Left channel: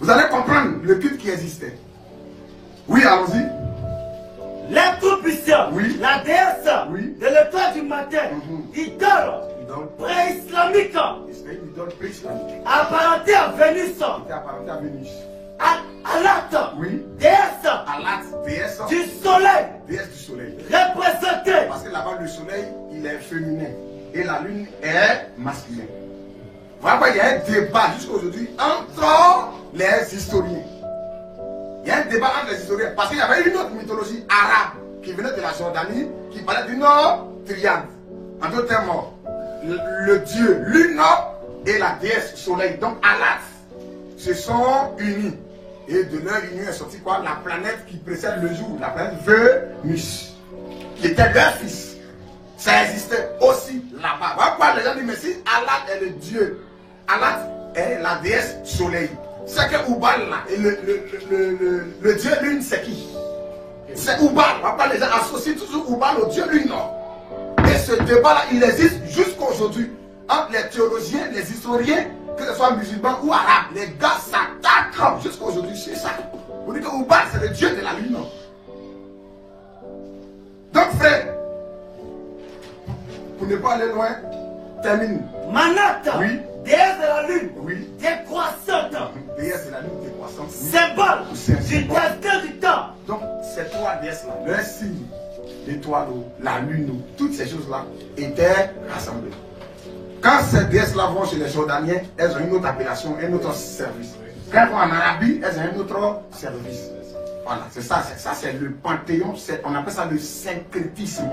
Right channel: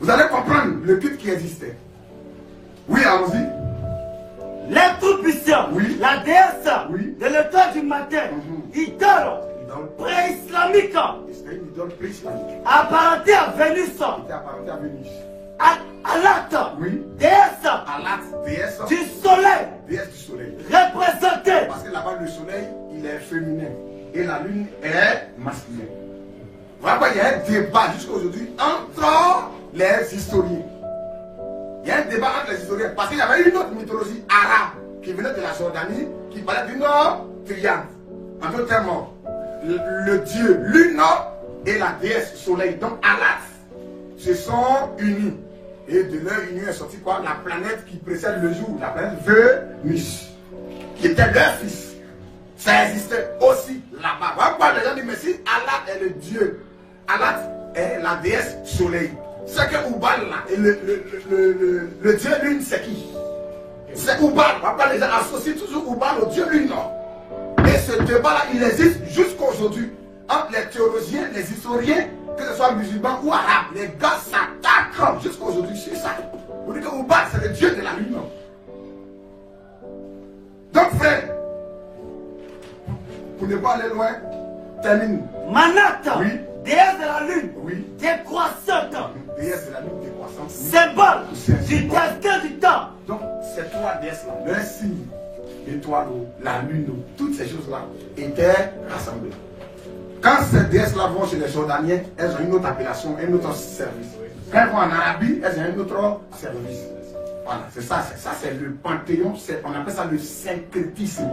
Vous allez comprendre le culte qui existait. Oui, allons-y. Les tout-puissants, Oui. la déesse Oui. de l'étoile du matin, idole pré-islamique, C'est une idole pré-islamique. apparentée à Vénus, Qui appartenait à Vénus. Alat, Oui. déesse Alat, déesse. du soleil, Déesse du soleil. représentée. Parce que là-bas, le soleil, il est féminin. Et la lune est masculine. Voilà, il y a un débat jusqu'à aujourd'hui entre les historiens. Il y a un débat entre les historiens. Parce qu'il y avait une autre mythologie arabe qui venait de la Jordanie, qui parlait d'une triade. En d'autres termes, le dieu lune et la déesse soleil, donc Alat, se sont unis. Et de leur union est sorti quoi? La planète qui précède le jour, la planète Vénus, qui était leur fils. Ça existait aussi là-bas. Voilà pourquoi les gens disent, mais si Alat est le dieu, Alat est la déesse soleil. C'est que Oubal là, et le dieu lune, c'est qui? C'est Oubal. Voilà pourquoi les gens associent toujours Oubal au dieu lune. Et ce débat-là, il existe jusqu'à aujourd'hui. Entre les théologiens, les historiens, que ce soit musulmans ou arabes, les gars s'attaquent jusqu'à aujourd'hui sur ça. Vous dites que Oubal, c'est le dieu de la lune. Donc, frère, pour ne pas aller loin, termine. Manat, Oui. déesse de la lune, Oui. décroissante, Déesse de la lune décroissante. symbole du destin du temps. Donc, ces trois déesses-là, leur signe, l'étoile, la lune, toutes ces choses-là étaient rassemblées. Quand ces déesses-là vont chez les Jordaniens, elles ont une autre appellation, un autre service. Quand elles vont en Arabie, elles ont un autre service. Voilà, c'est ça, c'est le panthéon, on appelle ça le syncrétisme.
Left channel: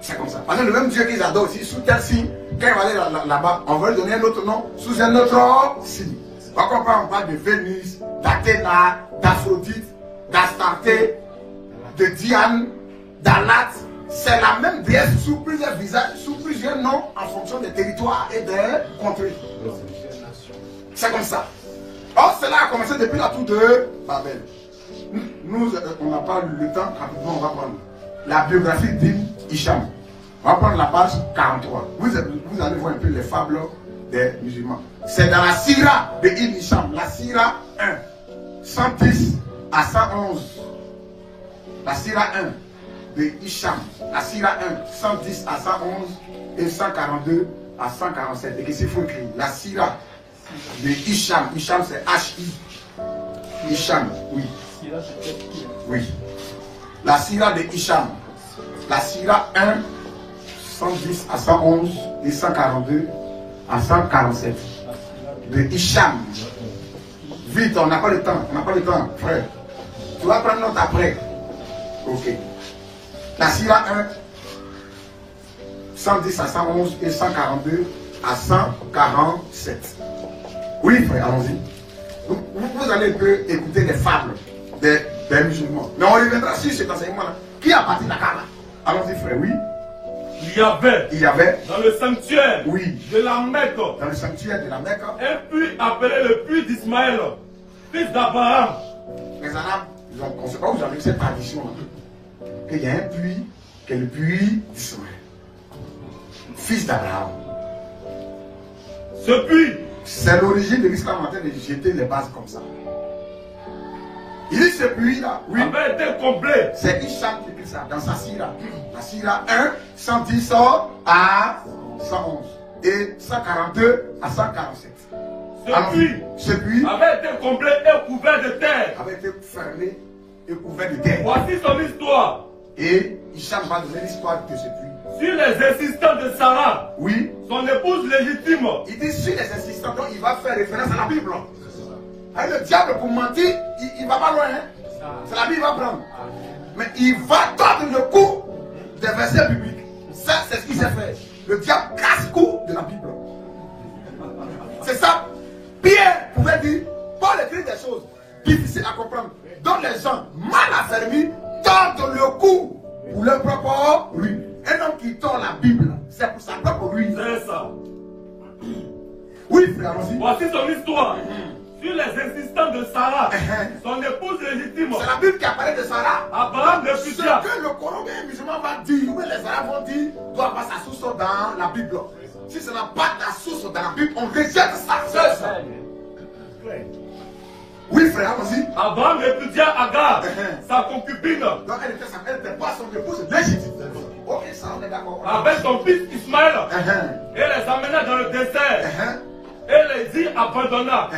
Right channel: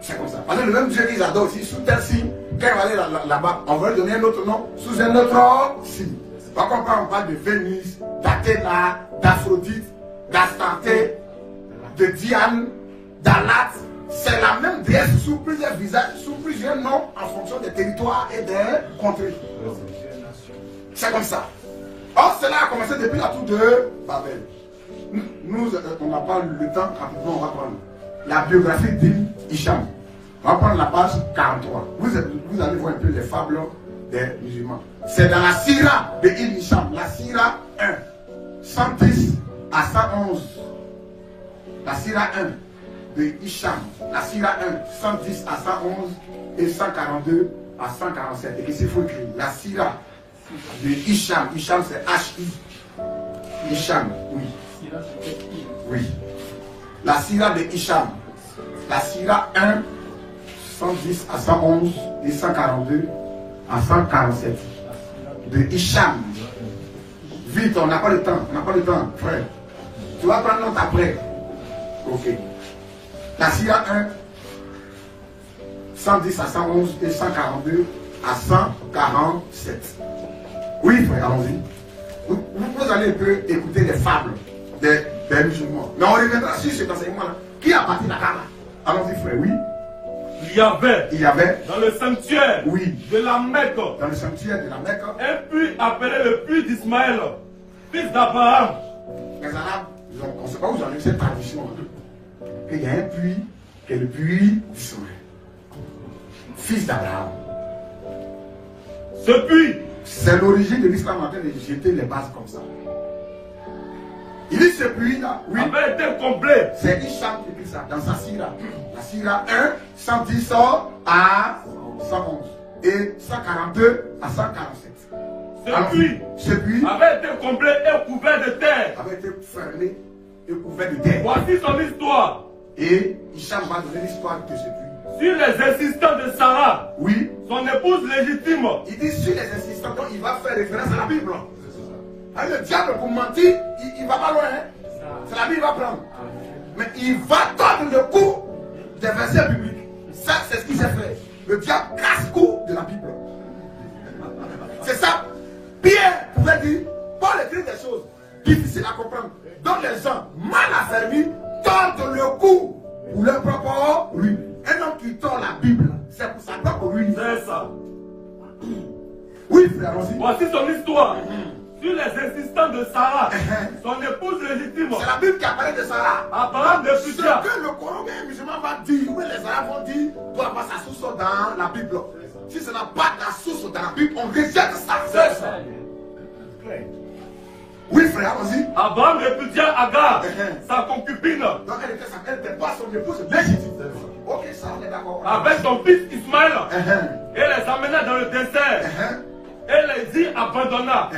C'est comme ça. Parce que le même Dieu qu'ils adorent aussi, sous tel signe, quand on va aller là-bas, on va lui donner un autre nom, sous un autre signe. On comprend, on parle de Vénus, d'Athéna, d'Aphrodite, d'Astarté, de Diane, d'Alat. C'est la même déesse sous plusieurs visages, sous plusieurs noms, en fonction des territoires et des contrées. C'est comme ça. Or, cela a commencé depuis la tour de Babel. Nous, on n'a pas le temps, rapidement, on va prendre la biographie d'Ibn Hisham. On va prendre la page 43. Vous allez voir un peu les fables des musulmans. C'est dans la Sira de Ibn Hisham, la Sira 1, 110 à 111. La Sira 1 de Hisham, la Sira 1, 110 à 111 et 142 à 147. Et qu'est-ce qu'il faut écrire? La Sira de Hisham. Hisham, c'est H-I. Hisham, oui. Oui. La Sira de Hisham. La Sira 1, 110 à 111 et 142 à 147. De Hisham. Vite, on n'a pas le temps. On n'a pas le temps, frère. Tu vas prendre note après. Ok. La Sira 1, 110 à 111 et 142 à 147. Oui, frère, allons-y. Vous allez un peu écouter les fables des musulmans. Mais on reviendra sur cet enseignement-là. Qui a bâti la Kaaba? Allons-y, frère, oui. Il y avait dans le sanctuaire de la Mecque, dans le sanctuaire de la Mecque, un puits appelé le puits d'Ismaël, fils d'Abraham. Les Arabes, on ne sait pas où j'en ai cette tradition. Il y a un puits qui est le puits d'Ismaël, fils d'Abraham. Ce puits, c'est l'origine de l'islam en train de jeter les bases comme ça. Il dit ce puits-là, oui, avait été complet. C'est Hisham qui écrit ça dans sa Sira. La Sira 1, 110 à 111 et 142 à 147. Ce puits avait été complet et couvert de terre. Avait été fermé et couvert de terre. Voici son histoire. Et Hisham va donner l'histoire de ce puits. Sur les insistants de Sarah, oui, son épouse légitime. Il dit sur les insistants, donc il va faire référence à la Bible. Et le diable, pour mentir, il va pas loin. Hein? C'est la Bible qu'il va prendre. Mais il va tordre le cou des versets bibliques. Ça, c'est ce qu'il sait faire. Le diable casse-cou de la Bible. C'est ça. Pierre pouvait dire, Paul écrit des choses difficiles à comprendre. Donc les gens mal affermis tordent le cou pour leur propre ruine. Un homme qui tord la Bible, c'est pour sa propre ruine. C'est ça. Oui, frère, allons-y. Voici son histoire. Sur les insistants de Sarah, son épouse légitime. C'est la Bible qui apparaît de Sarah. Abraham de Ce Futia. que le Coran musulman va dire, ou les Arabes vont dire, doit avoir sa source dans la Bible. Si ce n'a pas ta source dans la Bible, on rejette ça. C'est ça. frère, allons-y. Abraham répudia Agar, sa concubine, Donc elle était pas son épouse légitime. Ok, ça on est d'accord. avec son fils Ismaël, et les amena dans le désert. Et les y abandonna.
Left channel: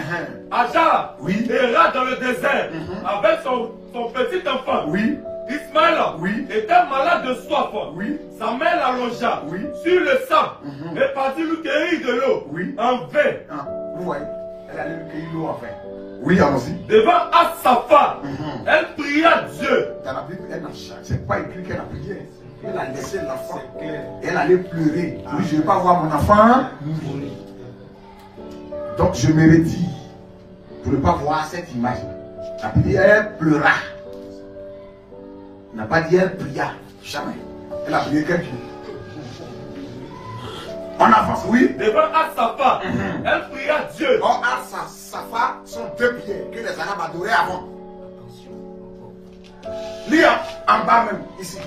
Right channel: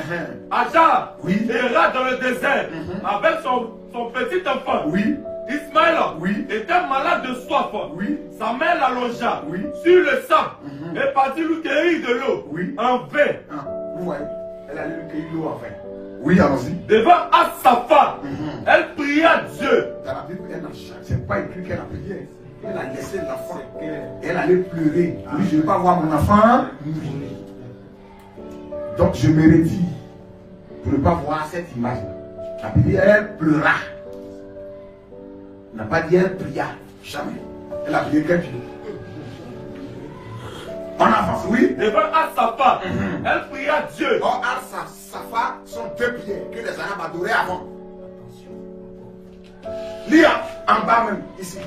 Agar ira dans le désert avec son petit enfant. Oui. Ismaël était malade de soif. Oui. Sa mère l'allongea sur le sable et partit lui cueillir de l'eau en vain. Vous voyez, elle allait lui cueillir l'eau en vain. Oui, allons-y. Devant As-Sapha, elle pria Dieu. Dans la Bible, elle n'a c'est pas écrit qu'elle a prié. Elle a laissé l'enfant. Elle allait pleurer. Oui, je ne veux pas voir mon enfant mourir. Donc je me redis, pour ne pas voir cette image. La prière pleura. Elle n'a pas dit elle pria. Jamais. Elle a prié quelqu'un. On avance, oui. Devant As-Sapha, elle pria Dieu. Or, As-Sapha sont deux pierres que les Arabes adoraient avant. Lia, en bas même, ici.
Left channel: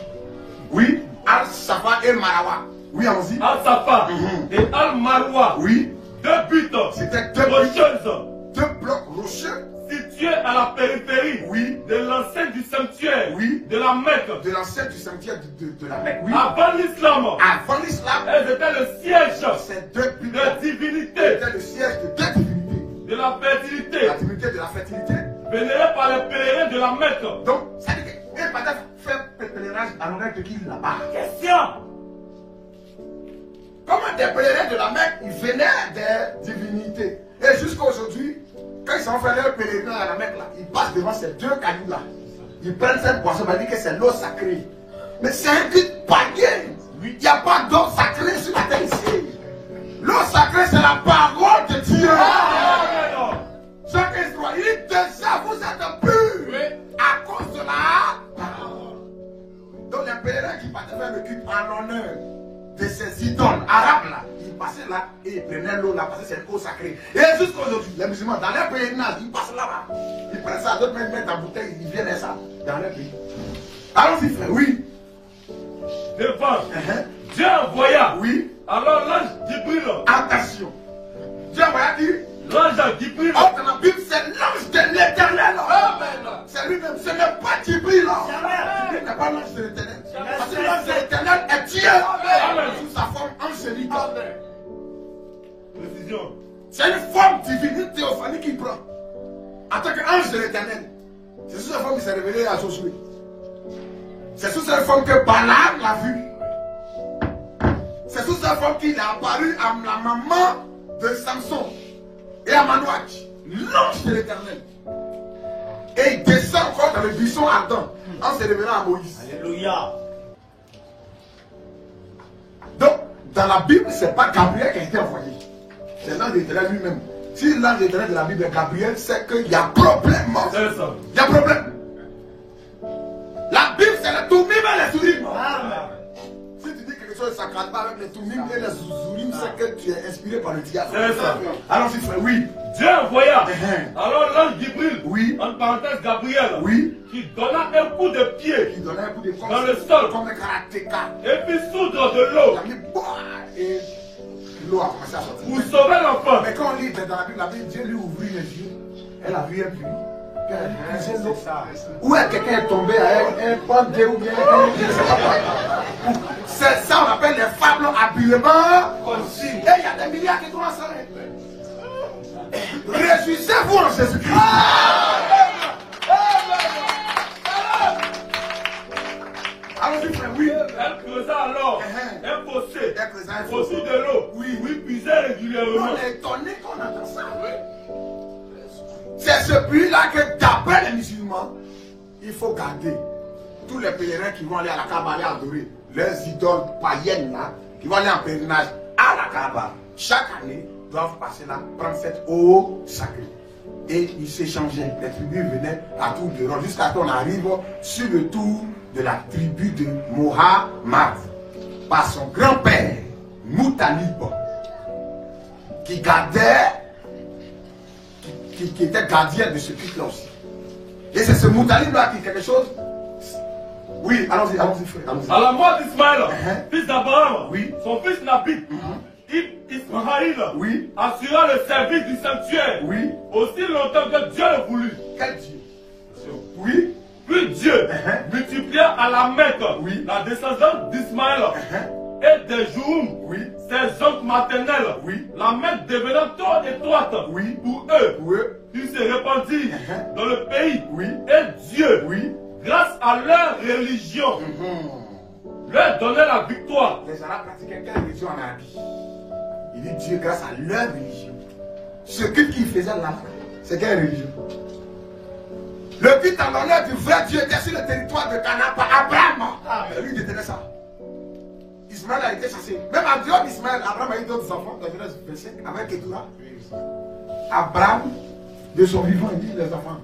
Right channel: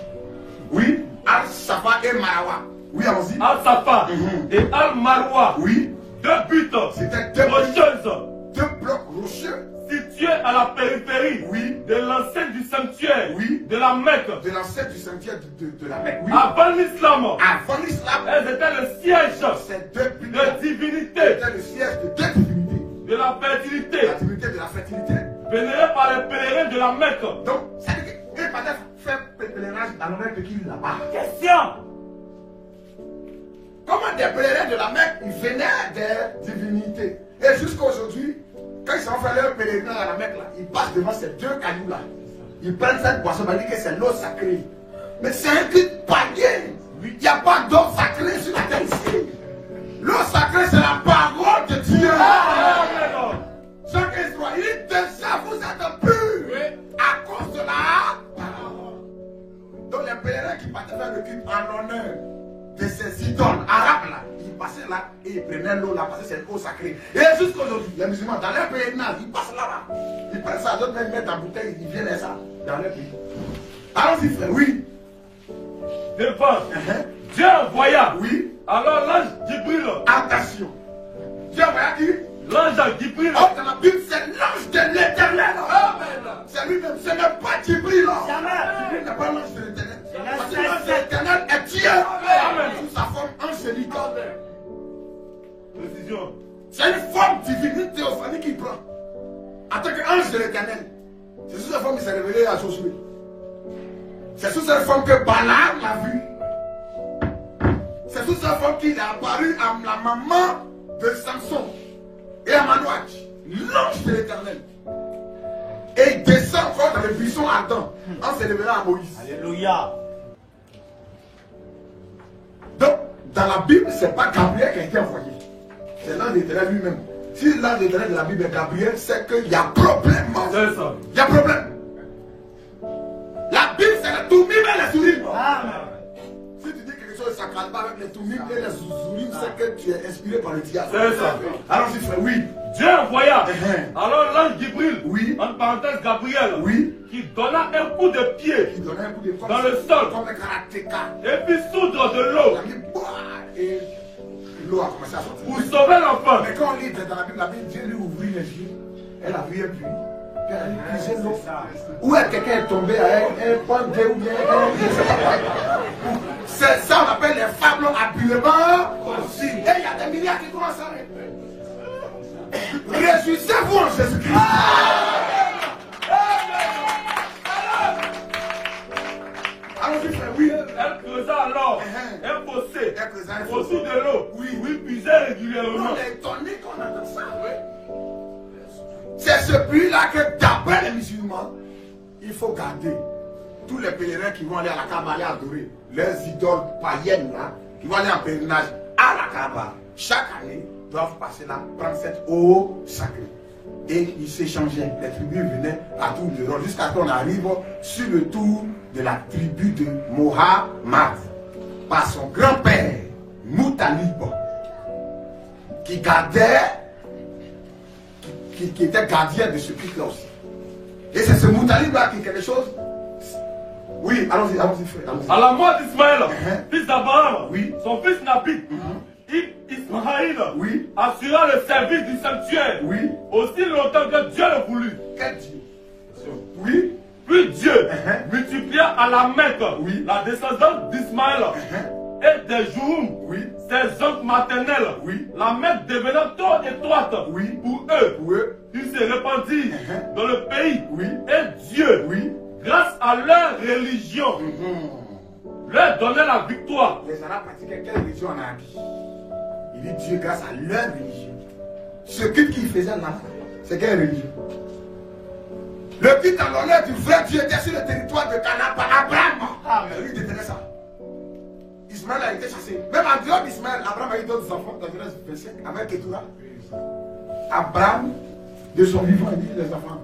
Oui, As-Sapha et Marawa. Oui, allons-y. As-Sapha et Al-Marwa. Oui. Deux buts. C'était deux rocheuses. Deux blocs rocheux. Situés à la périphérie de l'enceinte du sanctuaire de la Mecque. De l'enceinte du sanctuaire de la Mecque. Oui. Avant l'islam. Avant l'islam. Elles étaient le siège c'est deux de divinité. C'était le siège de deux divinités. De la fertilité. La divinité de la fertilité. Vénérée par les pèlerins de la Mecque. Donc, c'est-à-dire qu'il fallait faire pèlerinage à l'honneur de qui là-bas. Question. Comment des pèlerins de la Mecque, ils venaient des divinités. Et jusqu'à aujourd'hui, quand ils sont fait leur pèlerinage à la Mecque, là, ils passent devant ces deux cailloux-là. Ils prennent cette boisson, ils disent que c'est l'eau sacrée. Mais c'est un culte païen. Il n'y a pas d'eau sacrée sur la terre ici. L'eau sacrée, c'est la parole de Dieu. Chaque Israélite, déjà vous êtes purs à cause de la parole. Donc les pèlerins qui passaient faire le culte en honneur de ces idoles arabes là, ils passaient là et ils prenaient l'eau là parce que c'est l'eau sacrée. Et jusqu'à aujourd'hui, les musulmans, dans leur pèlerinage, ils passent là-bas. Ils prennent ça, d'autres même mettent en bouteille, ils viennent ça dans leur pays. Allons-y frère, oui. Devant, Dieu envoya. Oui. Alors l'ange Jibril. Attention. Dieu envoya qui? L'ange Jibril. Oh, dans la Bible, c'est l'ange de l'éternel. C'est lui-même, ce n'est pas Jibril. Jibril n'est pas l'ange de l'éternel. Parce que l'ange de l'éternel est Dieu. Sous sa forme angélique. Précision. C'est une forme divine théophanique qu'il prend. En tant qu'ange de l'éternel. C'est sous cette forme qu'il s'est révélé à Josué. C'est sous cette forme que Balaam l'a vu. C'est sous cette forme qu'il est apparu à la maman de Samson et à Manouach, l'ange de l'éternel. Et il descend encore dans le buisson ardent en se révélant à Moïse. Alléluia. Donc, dans la Bible, ce n'est pas Gabriel qui a été envoyé. C'est l'ange de l'éternel lui-même. Si l'ange de l'éternel de la Bible est Gabriel, c'est qu'il y a problème. Il y a problème. La Bible, c'est le Toumim et les Zourim. Si tu dis quelque chose, ça ne calme pas avec les Toumim et les Zourim, c'est que tu es inspiré par le diable. C'est ça. Allons-y, frère, oui. Dieu envoya. Alors l'ange Jibril, en parenthèse Gabriel, qui donna un coup de pied dans le sol comme un karatéka. Et puis soudre de l'eau. Et l'eau a commencé à sortir. Pour sauver l'enfant. Mais quand on lit dans la Bible, Dieu lui ouvrit les yeux. Elle a vu un puits. Puis elle a dit, puiser l'eau. Où est quelqu'un est tombé à un pandé ou bien un, je ne sais pas quoi. C'est ça on appelle les fables habillement. Et il y a des milliards qui commencent à être. Réjouissez-vous en Jésus-Christ. Allons-y, frère, oui. Elle creusa alors un fossé autour de l'eau. Oui, puisait régulièrement. On est étonné qu'on entend ça. C'est ce puits-là que, d'après les musulmans, il faut garder. Tous les pèlerins qui vont aller à la Kaaba aller adorer leurs idoles païennes là, qui vont aller en pèlerinage à la Kaaba, chaque année, doivent passer là, prendre cette eau sacrée. Et ils s'échangeaient. Les tribus venaient à tour de rôle jusqu'à ce qu'on arrive sur le tour de la tribu de Mohammed par son grand-père, Moutalib, qui gardait, qui était gardien de ce culte-là aussi. Et c'est ce Moutalib-là qui quelque chose. Oui, allons-y, frère. À la mort d'Ismaël, fils d'Abraham, oui. son fils Nabi, Ismaël oui, assura le service du sanctuaire oui, aussi longtemps que Dieu le voulut. quel Dieu? Oui, Puis Dieu multiplia à la Mecque oui, la descendance d'Ismaël et des Jououm, oui, ses oncles maternels. oui, La Mecque devenant trop étroite oui, pour eux, oui, ils se répandirent dans le pays. oui, Et Dieu, oui, grâce à leur religion, leur donnait la victoire. Les Arabes pratiquaient quelle religion en Arabie? Il dit Dieu grâce à leur religion. Ce culte qu'ils faisaient là, c'est quelle religion? Le culte en l'honneur du vrai Dieu était sur le territoire de Canaan par Abraham. Lui détenait ça. Ismaël a été chassé. Même en dehors d'Ismaël, Abraham a eu d'autres enfants dans Genèse 25 avec Ketura. Abraham, de son vivant, il dit les enfants,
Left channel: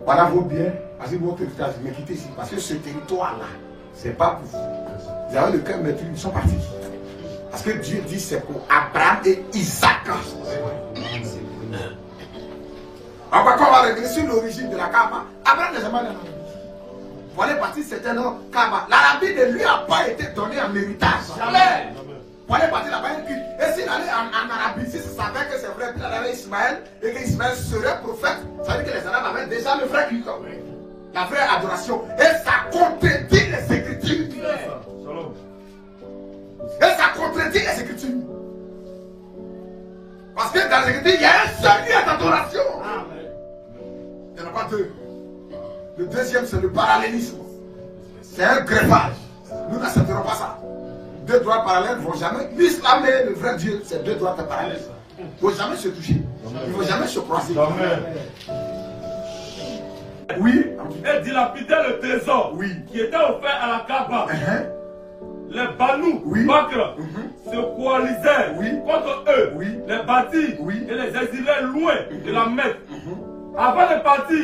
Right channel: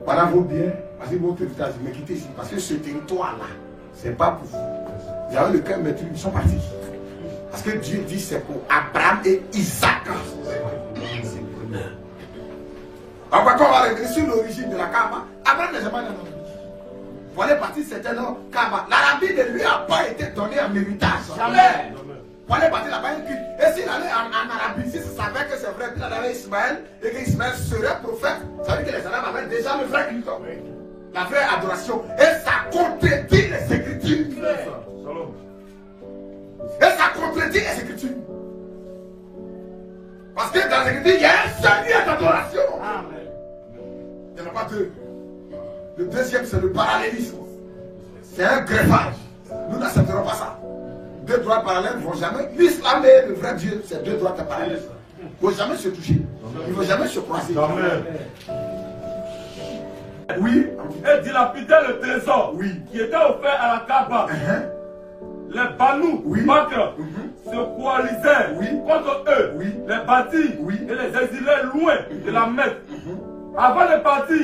voilà vos biens, voici votre héritage, mais quittez ici. Parce que ce territoire-là, c'est pas pour vous. Vous avez le cœur meurtri, ils sont partis. Parce que Dieu dit c'est pour Abraham et Isaac. Alors, quand on va revenir sur l'origine de la Kaaba, Abraham n'est jamais allé en Arabie. Voilà partir, c'était notre Kaaba. L'Arabie ne lui a pas été donnée en héritage. Jamais. Voilà partir là-bas, et s'il allait en Arabie, s'il savait que c'est vrai qu'il allait Ismaël et qu'Ismaël serait prophète, ça veut dire que les Arabes avaient déjà le vrai culte, la vraie adoration. Et ça contredit les Écritures. Et ça contredit les Écritures. Parce que dans les Écritures, il y a un seul lieu d'adoration. Il n'y en a pas deux. Le deuxième, c'est le parallélisme. C'est un greffage. Nous n'accepterons pas ça. Deux droits parallèles ne vont jamais. L'islam et le vrai Dieu, c'est deux droits parallèles. Il ne faut jamais se toucher. Il ne faut jamais se croiser. Amen. Oui. Et dilapidait le trésor qui était offert à la Kaaba. Les Banu, Bakr, se coalisaient contre eux, les bâtis et les exilés loin de la Mecque. Avant de partir,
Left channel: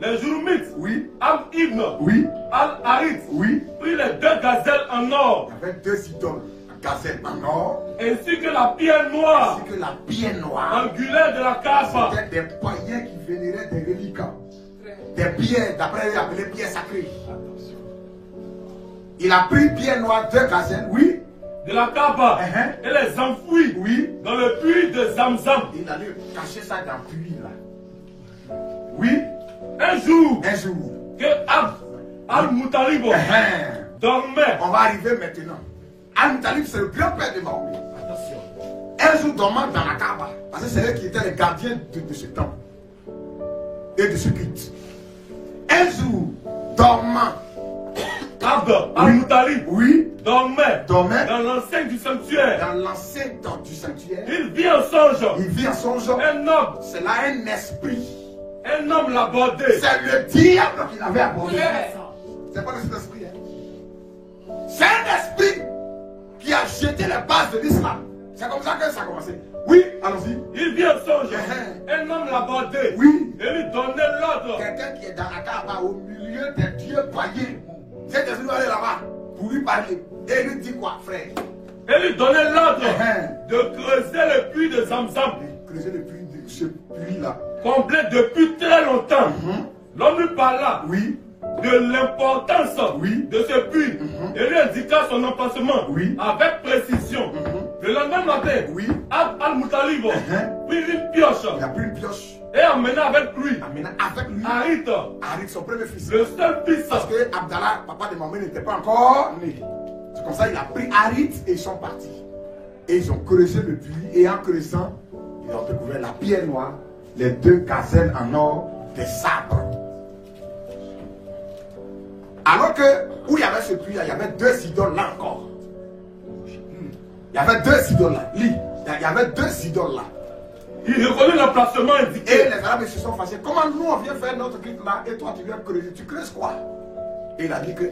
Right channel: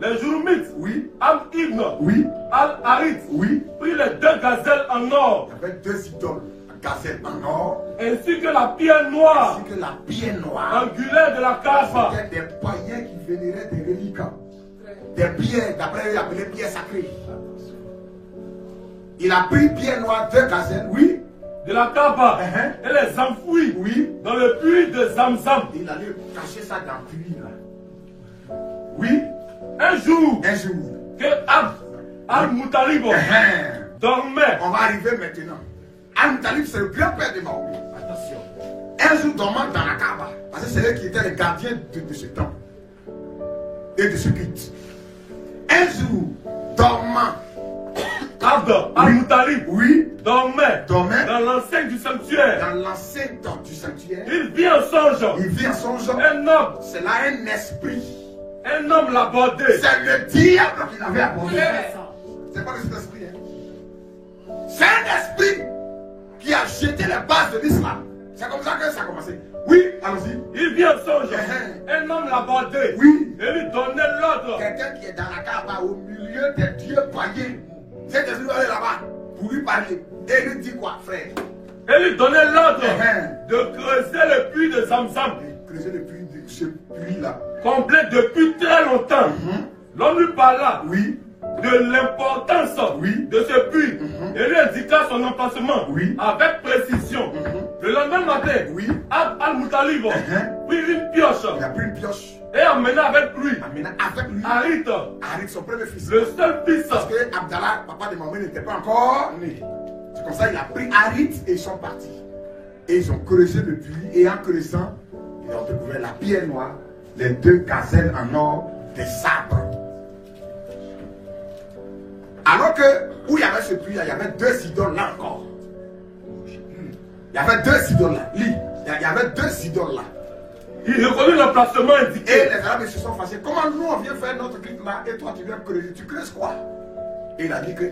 les Joumites, Am Ibn, Al-Harith, prirent les deux gazelles en or. Avec deux idoles, la gazelle en or, ainsi que la pierre noire, angulaire de la Kaaba. C'était des païens qui vénéraient des reliques, des pierres, d'après eux appelées pierres sacrées. Il a pris pierre noire, deux gazelles, de la Kaaba, et les enfouit, dans le puits de Zamzam. Il allait cacher ça dans le puits là. Un jour, que Al-Muttalib dormait. On va arriver maintenant. Al-Muttalib, c'est le grand-père de Mahomet. Attention. Un jour dormant dans la Kaaba. Parce que c'est eux qui étaient les gardiens de ce temple et de ce culte. Un jour, dormant, Al-Muttalib dormait dans l'enceinte du sanctuaire. Dans l'enceinte du sanctuaire. Il vit en songe. Un homme. C'est là un esprit. Un homme l'a abordé. C'est le diable qui l'avait abordé. C'est pas le esprit. C'est un esprit qui a jeté les bases de l'islam. C'est comme ça que ça a commencé. Oui, allons-y. Il vit en songe. Un homme l'a abordé. Et lui donnait l'ordre. Quelqu'un qui est dans la Kaaba au milieu des dieux païens. Cet esprit va aller là-bas pour lui parler. Et lui dit quoi, frère? Et lui donnait l'ordre de creuser le puits de Zamzam. Creuser le puits de ce puits-là. Complet depuis très longtemps. L'homme lui parla de l'importance de ce puits et lui indiqua son emplacement avec précision. Le lendemain matin, Al-Muttalib prit une pioche. Il a pris une pioche. Et emmena avec lui Harith, son premier fils. Le seul fils. Parce que Abdallah, papa de Mahomet, n'était pas encore né. C'est comme ça qu'il a pris Harith et ils sont partis. Et ils ont creusé le puits. Et en creusant, ils ont découvert la pierre noire, les deux gazelles en or, des sabres. Alors que, où il y avait ce puits, il y avait deux idoles là encore. Il y avait deux idoles là. Il y avait deux idoles là. Il reconnut l'emplacement indiqué. Et les Arabes se sont fâchés. Comment nous on vient faire notre culte là et toi tu viens creuser? Tu creuses quoi? Et il a dit que,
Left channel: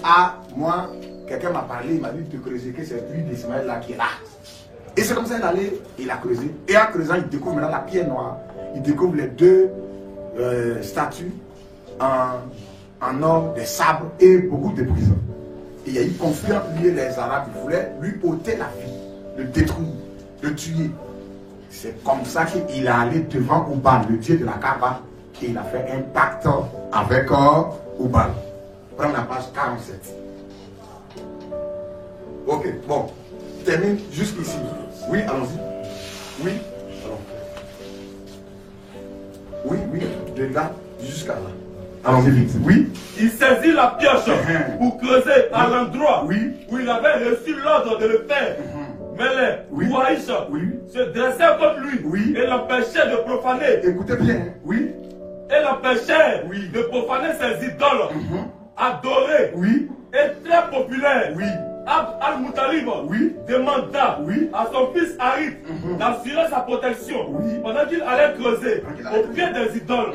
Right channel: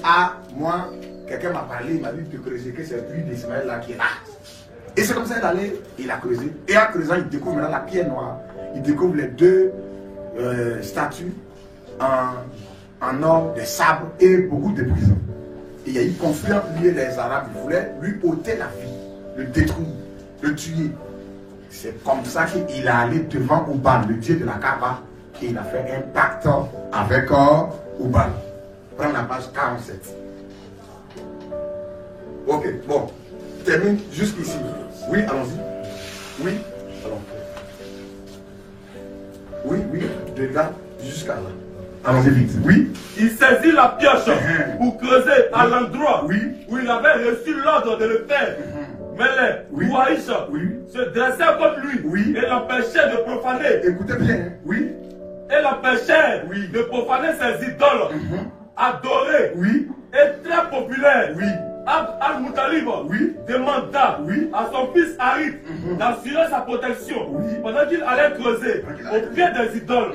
moi, quelqu'un m'a parlé, il m'a dit de creuser, que c'est le puits d'Ismaël là qui est là. Et c'est comme ça qu'il allait, il a creusé. Et en creusant, il découvre maintenant la pierre noire. Il découvre les deux statues en or, des sabres et beaucoup de prisons. Et il y a eu conflit entre lui et les Arabes. Ils voulaient lui ôter la vie, le détruire, le tuer. C'est comme ça qu'il est allé devant Oban, le dieu de la Kaaba, et il a fait un pacte avec Oban. Prends la page 47. Ok, bon, je termine jusqu'ici. Oui, allons-y. Oui, allons. Oui, de là jusqu'à là. Allons-y vite. Oui. Il saisit la pioche pour creuser à l'endroit où il avait reçu l'ordre de le faire. Mais les Kouaïch se dressaient contre lui et l'empêchaient de profaner. Écoutez bien, oui. Et l'empêchaient de profaner ses idoles adorées et très populaires. Abd al-Muttalib demanda à son fils Harith d'assurer sa protection pendant qu'il allait creuser au pied des idoles.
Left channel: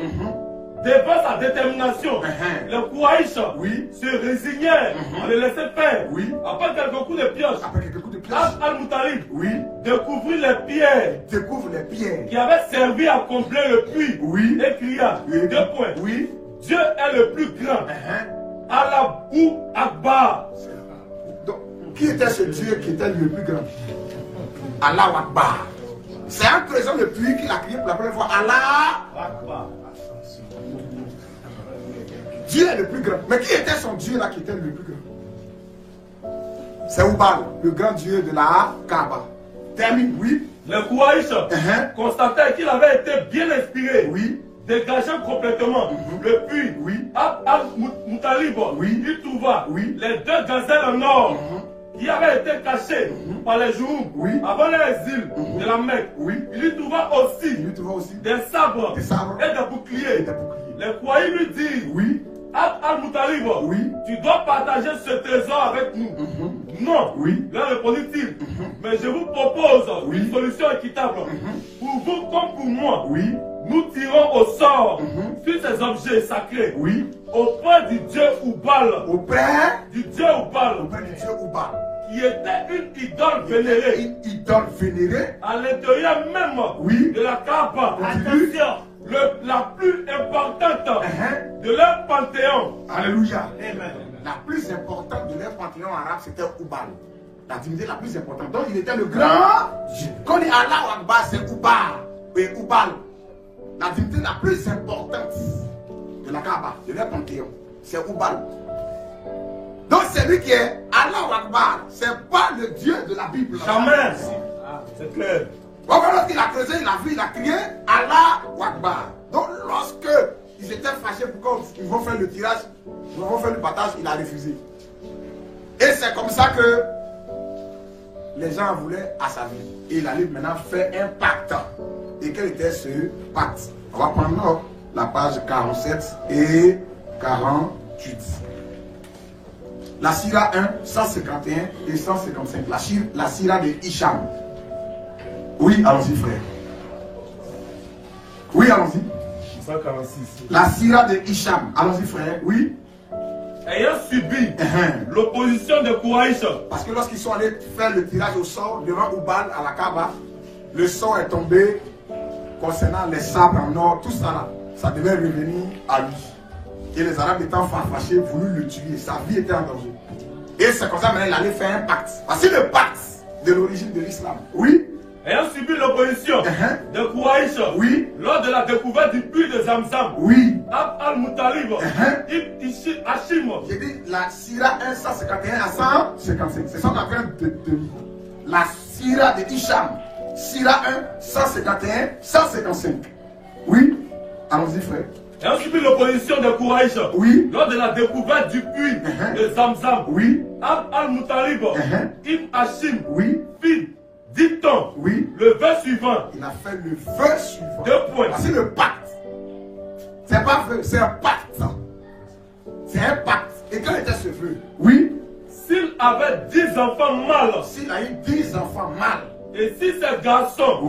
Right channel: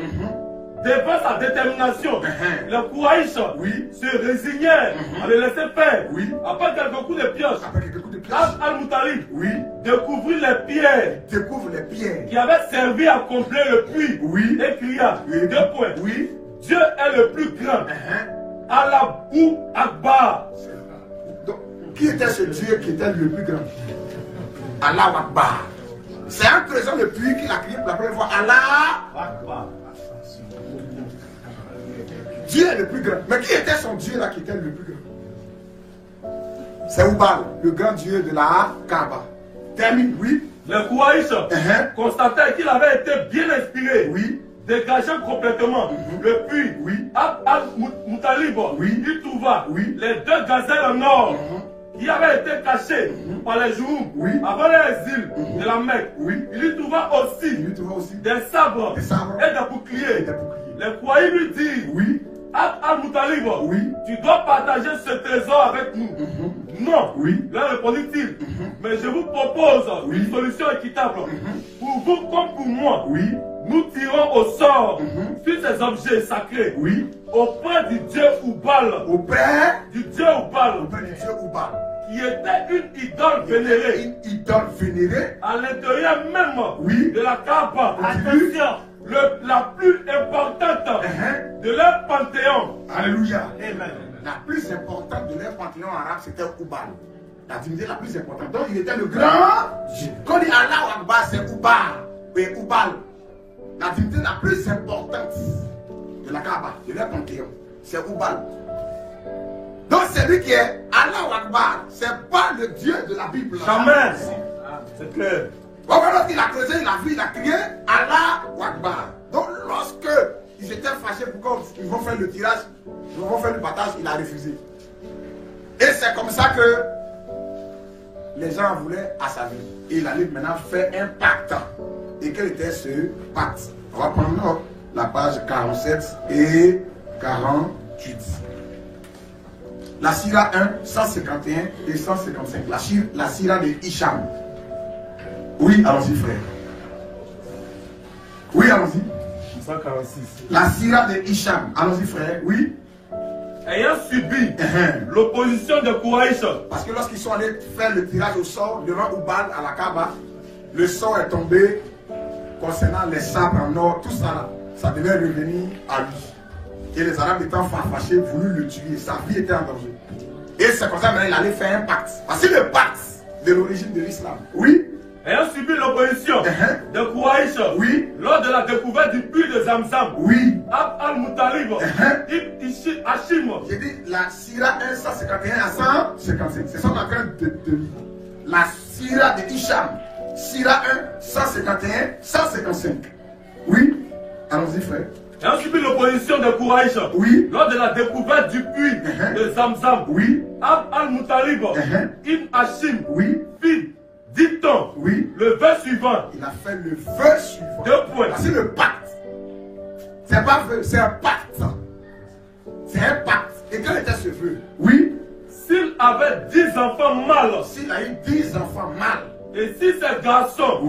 Devant sa détermination, les Kouaïch se résignèrent à le laisser faire. Après quelques coups de pioche, Abd al-Muttalib découvrit les pierres qui avaient servi à combler le puits et cria, deux points, Dieu est le plus grand. Allahu Akbar. Donc, qui était ce Dieu qui était le plus grand? Allahu Akbar. C'est en creusant le puits qu'il a crié pour la première fois Allah Akbar. Dieu est le plus grand. Mais qui était son Dieu là qui était le plus grand? C'est Oubal, le grand Dieu de la Kaaba. Termine, Le Kouaïch constatait qu'il avait été bien inspiré. Dégageant complètement le puits, Abd al-Muttalib, il trouva les deux gazelles en or qui avaient été cachées par les Jouhou avant l'exil de la Mecque. Il y trouva aussi des sabres et des boucliers. Les Kouaïch lui dit, Abd al-Muttalib, tu dois partager ce trésor avec nous. Non, leur répondit-il, mais je vous propose une solution équitable. Pour vous comme pour moi, nous tirons au sort sur ces objets sacrés auprès du dieu Oubal. Auprès du dieu Oubal. Qui était une idole vénérée. Une idole vénérée. À l'intérieur même de la Kaaba. Attention. La plus importante de leur panthéon. Alléluia. Amen. La plus importante de leur panthéon arabe, c'était Oubal. La divinité la plus importante. Donc il était le grand Dieu. Quand on dit Allah Akbar, c'est Oubal. Et Oubal. La divinité la plus importante de la Kaaba, de leur panthéon, c'est Oubal. Donc c'est lui qui est Allah Akbar. C'est pas le Dieu de la Bible. Jamais. C'est clair. Lorsqu'il a creusé, il a vu, il a crié Allah Akbar. Donc lorsque ils étaient fâchés pour qu'ils vont faire le tirage, ils vont faire le partage, il a refusé. Et c'est comme ça que les gens voulaient à sa vie. Et il allait maintenant faire un pacte. Et quel était ce pacte? On va prendre la page 47 et 48. La Sira 1, 151 et 155. La Sira de Hicham. Oui, allons-y, frère. Oui, allons-y. 146. La Sira de Hicham. Allons-y, frère. Oui. Ayant subi l'opposition de Kouaïch. Parce que lorsqu'ils sont allés faire le tirage au sort devant Oubal à la Kaaba, le sort est tombé concernant les sabres en or, tout ça là. Ça devait revenir à lui. Et les Arabes étant fâchés, voulu le tuer. Sa vie était en danger. Et c'est comme ça maintenant il allait faire un pacte. Voici le pacte de l'origine de l'islam. Oui. Ayant subi l'opposition de Kouaïch lors de la découverte du puits de Zamzam, Abd al-Muttalib, Ibn Hashim. J'ai dit la Sira 1, 151 à 155. C'est ça qu'on est en train de lire. La Sira de Hicham. Sira 1, 151, 155. Oui. Allons-y, frère. Ayant subi l'opposition de Kouaïch lors de la découverte du puits de Zamzam, Abd al-Muttalib, Ibn Hashim, fit, dit-on, le vœu suivant. Il a fait le vœu suivant. 2 points. C'est le pacte. C'est pas vœu, c'est un pacte. C'est un pacte. Et quel était ce vœu? S'il avait 10 enfants mâles. S'il a eu 10 enfants mâles. Et si ces garçons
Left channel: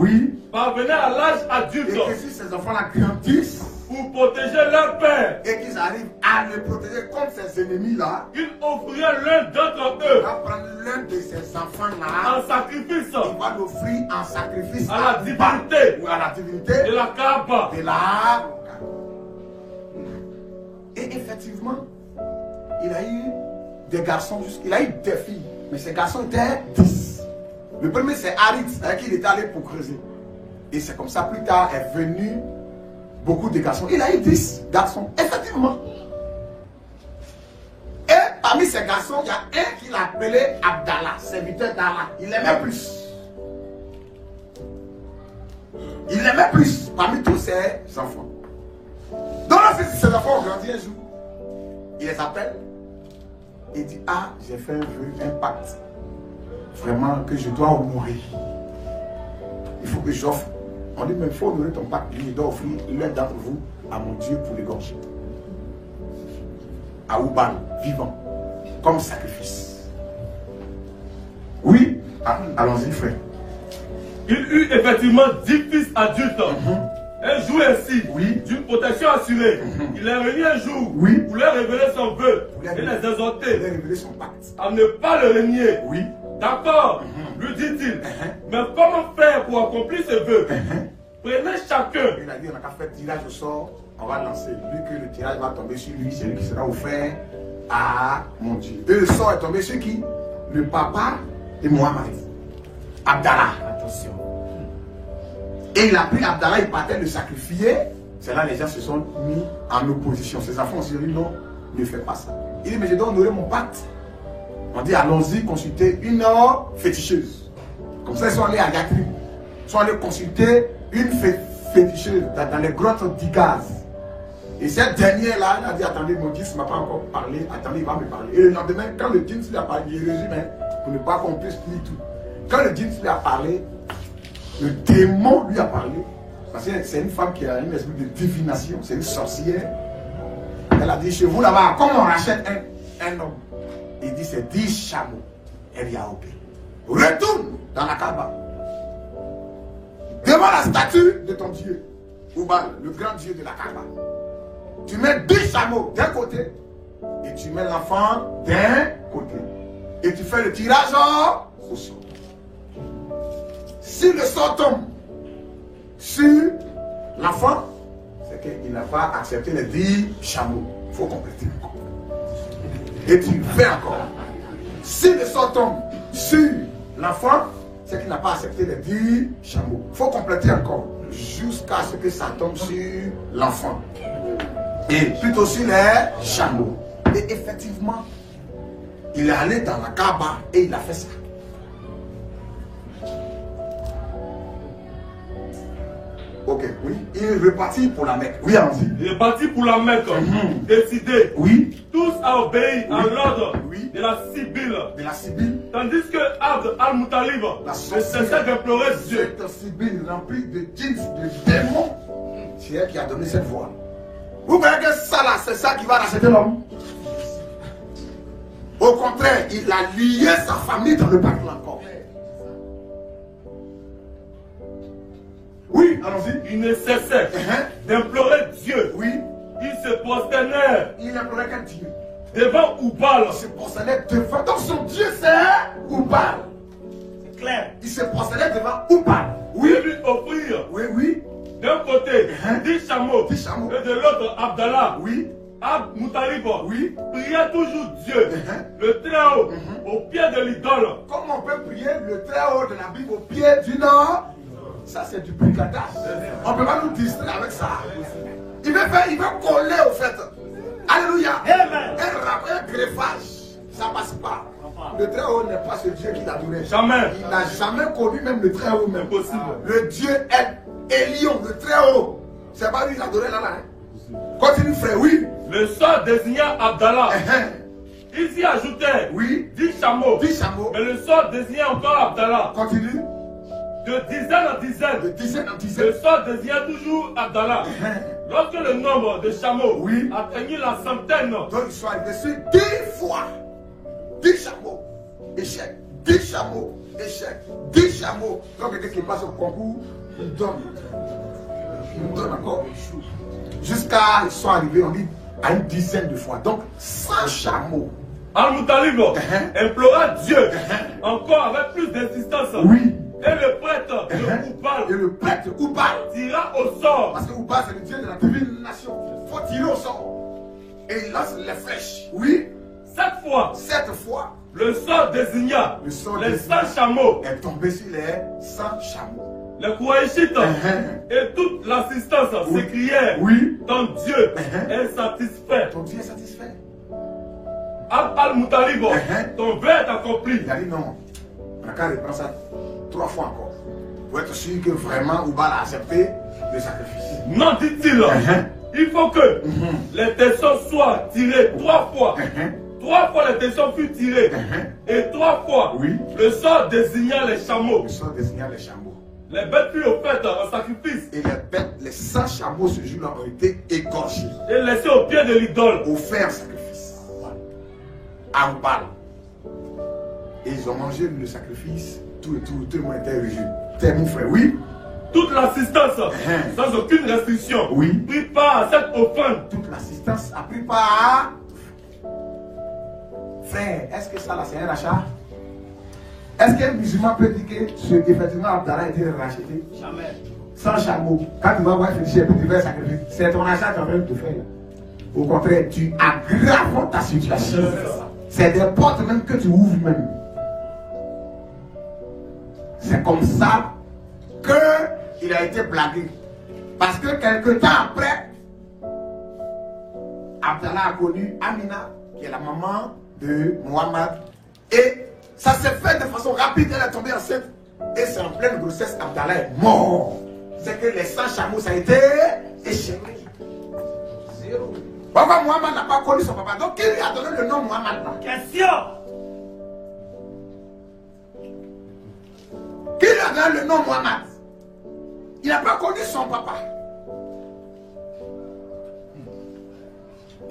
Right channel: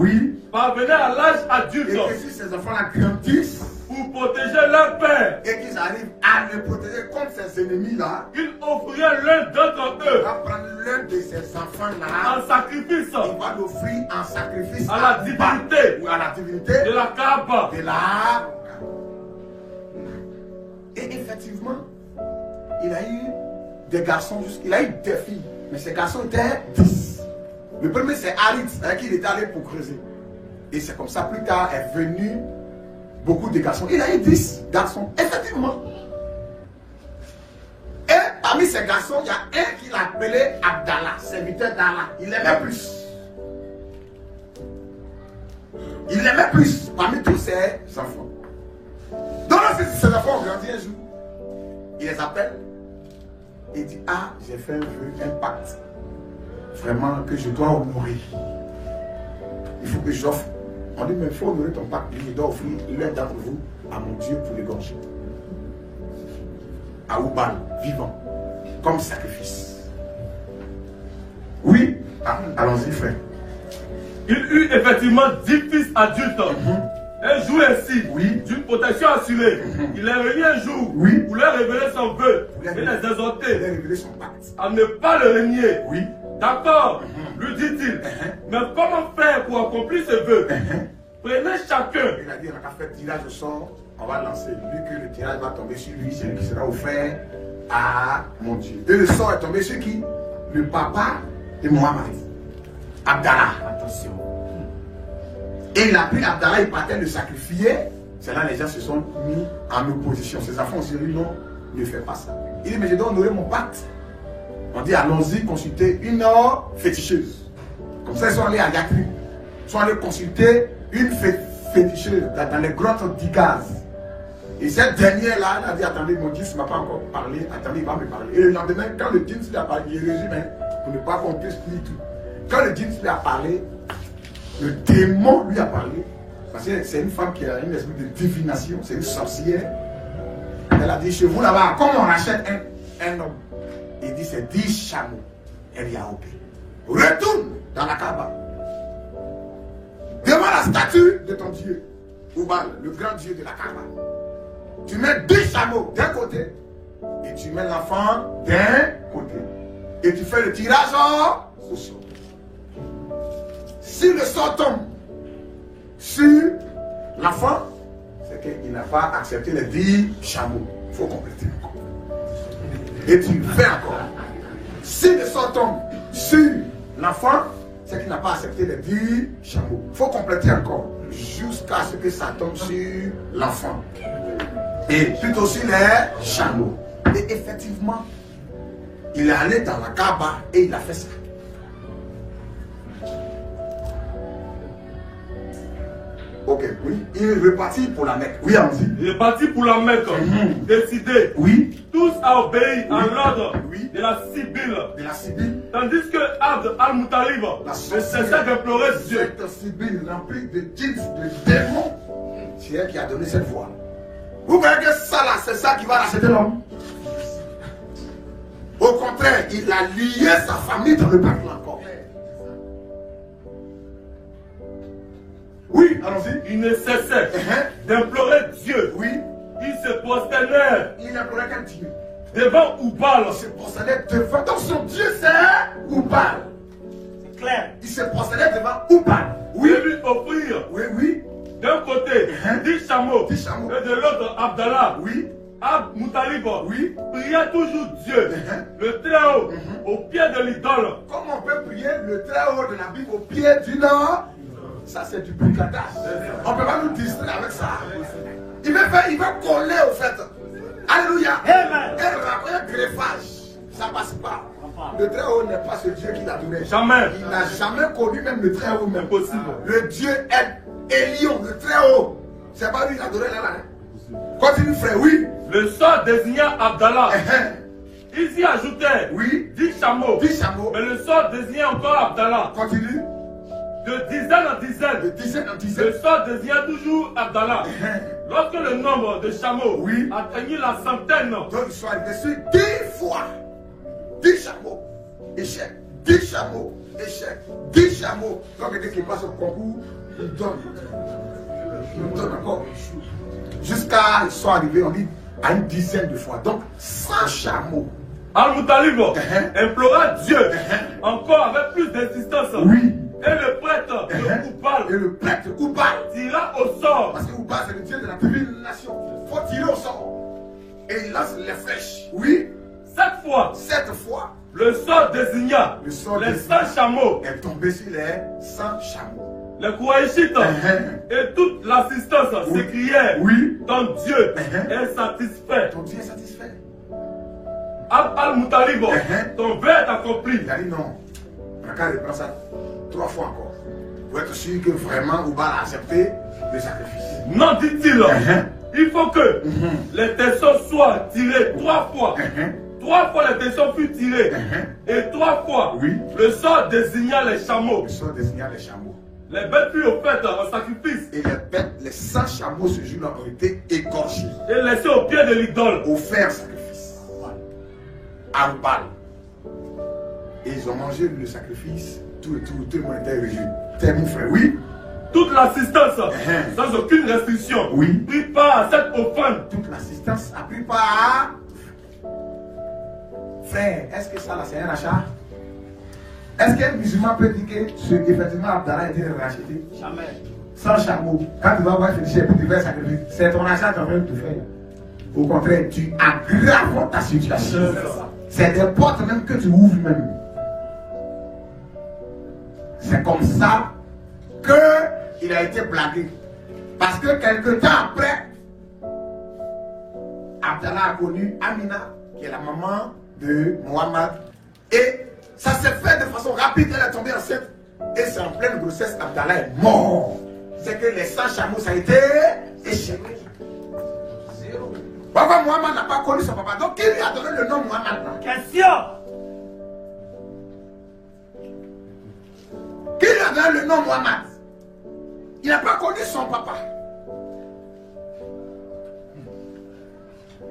parvenaient à l'âge adulte. Et que si ces enfants-là grandissent. Pour protéger leur père. Et qu'ils arrivent à le protéger contre ses ennemis-là. Il offrirait l'un d'entre eux. Il va prendre l'un de ses enfants-là. En sacrifice. Il va l'offrir en sacrifice à la divinité. Ou à la divinité. De la Kaaba. De la. Et effectivement, il a eu des garçons, il a eu des filles. Mais ces garçons étaient 10. Le premier c'est Harith, avec qui il était allé pour creuser. Et c'est comme ça, plus tard, est venu beaucoup de garçons. Il a eu 10 garçons, effectivement. Et parmi ces garçons, il y a un qu'il appelait Abdallah, serviteur d'Allah. Il aimait plus. Il aimait plus parmi tous ses enfants. Donc lorsque ses enfants ont grandi un jour, il les appelle et dit, ah, j'ai fait un vœu, un pacte. Vraiment que je dois honorer. Il faut que j'offre. On dit, mais il faut honorer ton pacte. Il doit offrir l'un d'entre vous à mon Dieu pour l'égorger. À Oubal, vivant, comme sacrifice. Oui, allons-y, frère. Il eut effectivement 10 fils adultes. Et jouait ainsi d'une protection assurée. Il les réunit un jour pour leur révéler son vœu et les exhorter à ne pas le renier. D'accord, lui dit-il. Mais comment faire pour accomplir ce vœu? Prenez chacun. Il a dit, on a qu'à faire tirage au sort, on va lancer. Lui que le tirage va tomber sur lui, c'est lui qui sera offert à mon Dieu. Et le sort est tombé sur qui? Le papa de Mohamed. Abdallah. Attention. Et il a pris Abdallah, il partait le sacrifier. C'est là les gens se sont mis en opposition. Ses enfants ont dit non, ne fais pas ça. Il dit, mais je dois honorer mon pacte. On dit, allons-y consulter une féticheuse. Comme ça, ils sont allés à Yatrib. Ils sont allés consulter une féticheuse dans les grottes d'Igaz. Et cette dernière-là, elle a dit, attendez, mon Dieu ne m'a pas encore parlé. Attendez, il va me parler. Et le lendemain, quand le Dieu lui a parlé, il résumé pour ne pas qu'on puisse lire tout. Quand le Dieu lui a parlé, le démon lui a parlé. Parce que c'est une femme qui a une espèce de divination, c'est une sorcière. Elle a dit, chez vous là-bas, comment on rachète un homme? Il dit, c'est 10 chameaux. Elle y a ok. Retourne dans la Kaaba. Devant la statue de ton Dieu. Oubal, le grand Dieu de la Kaaba. Tu mets 10 chameaux d'un côté. Et tu mets l'enfant d'un côté. Et tu fais le tirage au sort. Si le sort tombe sur l'enfant, c'est qu'il n'a pas accepté les 10 chameaux. Il faut compléter encore. Et tu fais encore. Si le sort tombe sur l'enfant, c'est qu'il n'a pas accepté les 10 chameaux. Il faut compléter encore. Jusqu'à ce que ça tombe sur l'enfant. Et plutôt sur les chameaux. Et effectivement, il est allé dans la Kaaba et il a fait ça. Ok, oui. Il repartit pour la Mecque. Oui, allons-y. Il est parti pour la Mecque. Décidé. Oui. Tous à obéir à l'ordre de la Sibylle. De la Sibylle. Tandis que Abd al-Muttalib ne cessait d'implorer Dieu. Cette Sibylle remplie de djinns, de démons, c'est elle qui a donné cette voix. Vous voyez que ça là, c'est ça qui va racheter l'homme. Au contraire, il a lié sa famille dans le peuple encore. Oui, allons-y. Il ne cessait d'implorer Dieu. Oui. Il se prosternait. Il implorait quel Dieu? Devant Oubal. Il se prosternait devant. Donc son Dieu c'est Oubal. C'est clair. Il se prosternait devant Oubal. Oui. Et lui offrir. Oui, oui. D'un côté, 10 chameaux. 10 chameaux. Et de l'autre, Abdallah. Oui. Abd Muttalib. Oui. Priait toujours Dieu. Le Très-Haut. Au pied de l'idole. Comment on peut prier le Très-Haut de la Bible au pied du Nord? Ça c'est du brigadage. On ne peut pas nous distraire avec ça. Il veut coller au fait. Alléluia. Amen. Un greffage. Ça ne passe pas. Le Très-Haut n'est pas ce Dieu qu'il adorait. Jamais. Il n'a jamais connu même le Très-Haut. Même possible. Le Dieu est Elion, le Très-Haut. C'est pas lui qui l'adorait là. Continue frère, oui. Le sort désigna Abdallah. Il s'y ajoutait 10 chameaux. 10 chameaux. Mais le sort désignait encore Abdallah. Continue. De dizaine en dizaine. De dizaine en dizaine. Le sort désignait toujours Abdallah. Lorsque le nombre de chameaux atteignit la centaine. Donc ils sont arrivés sur 10 fois. 10 chameaux. Échec. 10 chameaux. Échec. 10 chameaux. Donc quelqu'un qui passe au concours, il donne. Il donne encore. Jusqu'à ils sont arrivés, on dit, à une dizaine de fois. Donc 100 chameaux. Al-Muttalib implora Dieu encore avec plus d'insistance. Oui. Et le prêtre de Oubal. Et le prêtre Oubal tira au sort. Parce que Oubal c'est le Dieu de la divination. Il faut tirer au sort. Et il lance les flèches. Oui. 7 fois. Le sort désigna les 100 chameaux. Est tombé sur les 100 chameaux. Les Koraïchites et toute l'assistance s'écrièrent. Ton Dieu est satisfait. Ton Dieu est satisfait. Al-Muttalib, ton vœu est accompli. Il a dit non. On a qu'à reprendre ça 3 fois encore. Pour être sûr que vraiment Oubal a accepté le sacrifice. Non, dit-il. Il faut que les tessons soient tirés 3 fois. 3 fois les tessons furent tirés. Et 3 fois le sort désigna les chameaux. Le sort désigna les chameaux. Les bêtes furent offertes en sacrifice. Et les bêtes, les 100 chameaux ce jour-là ont été égorgés. Et laissés au pied de l'idole. Offerts en sacrifice. À Oubal. Et ils ont mangé le sacrifice. Tout le monde était réjoui. T'es mon frère, oui. Toute l'assistance, sans aucune restriction, prit part à cette offrande. Toute l'assistance a pris part. Frère, est-ce que ça là c'est un rachat? Est-ce qu'un musulman peut dire que effectivement Abdallah a été racheté? Jamais. Sans chameau. Quand tu vas voir Félicien et tu fais sacrifice, c'est ton achat qui de faire. Au contraire, tu aggraves ta situation. C'est des portes même que tu ouvres même. C'est comme ça qu'il a été blagué. Parce que quelque temps après, Abdallah a connu Amina, qui est la maman de Mohamed. Et ça s'est fait de façon rapide, elle est tombée enceinte. Et c'est en pleine grossesse, Abdallah est mort. C'est que les 100 chameaux, ça a été échec. Pourquoi Mohamed n'a pas connu son papa? Donc qui lui a donné le nom Mohamed? Question. Qui lui a donné le nom Mohamed? Il n'a pas connu son papa.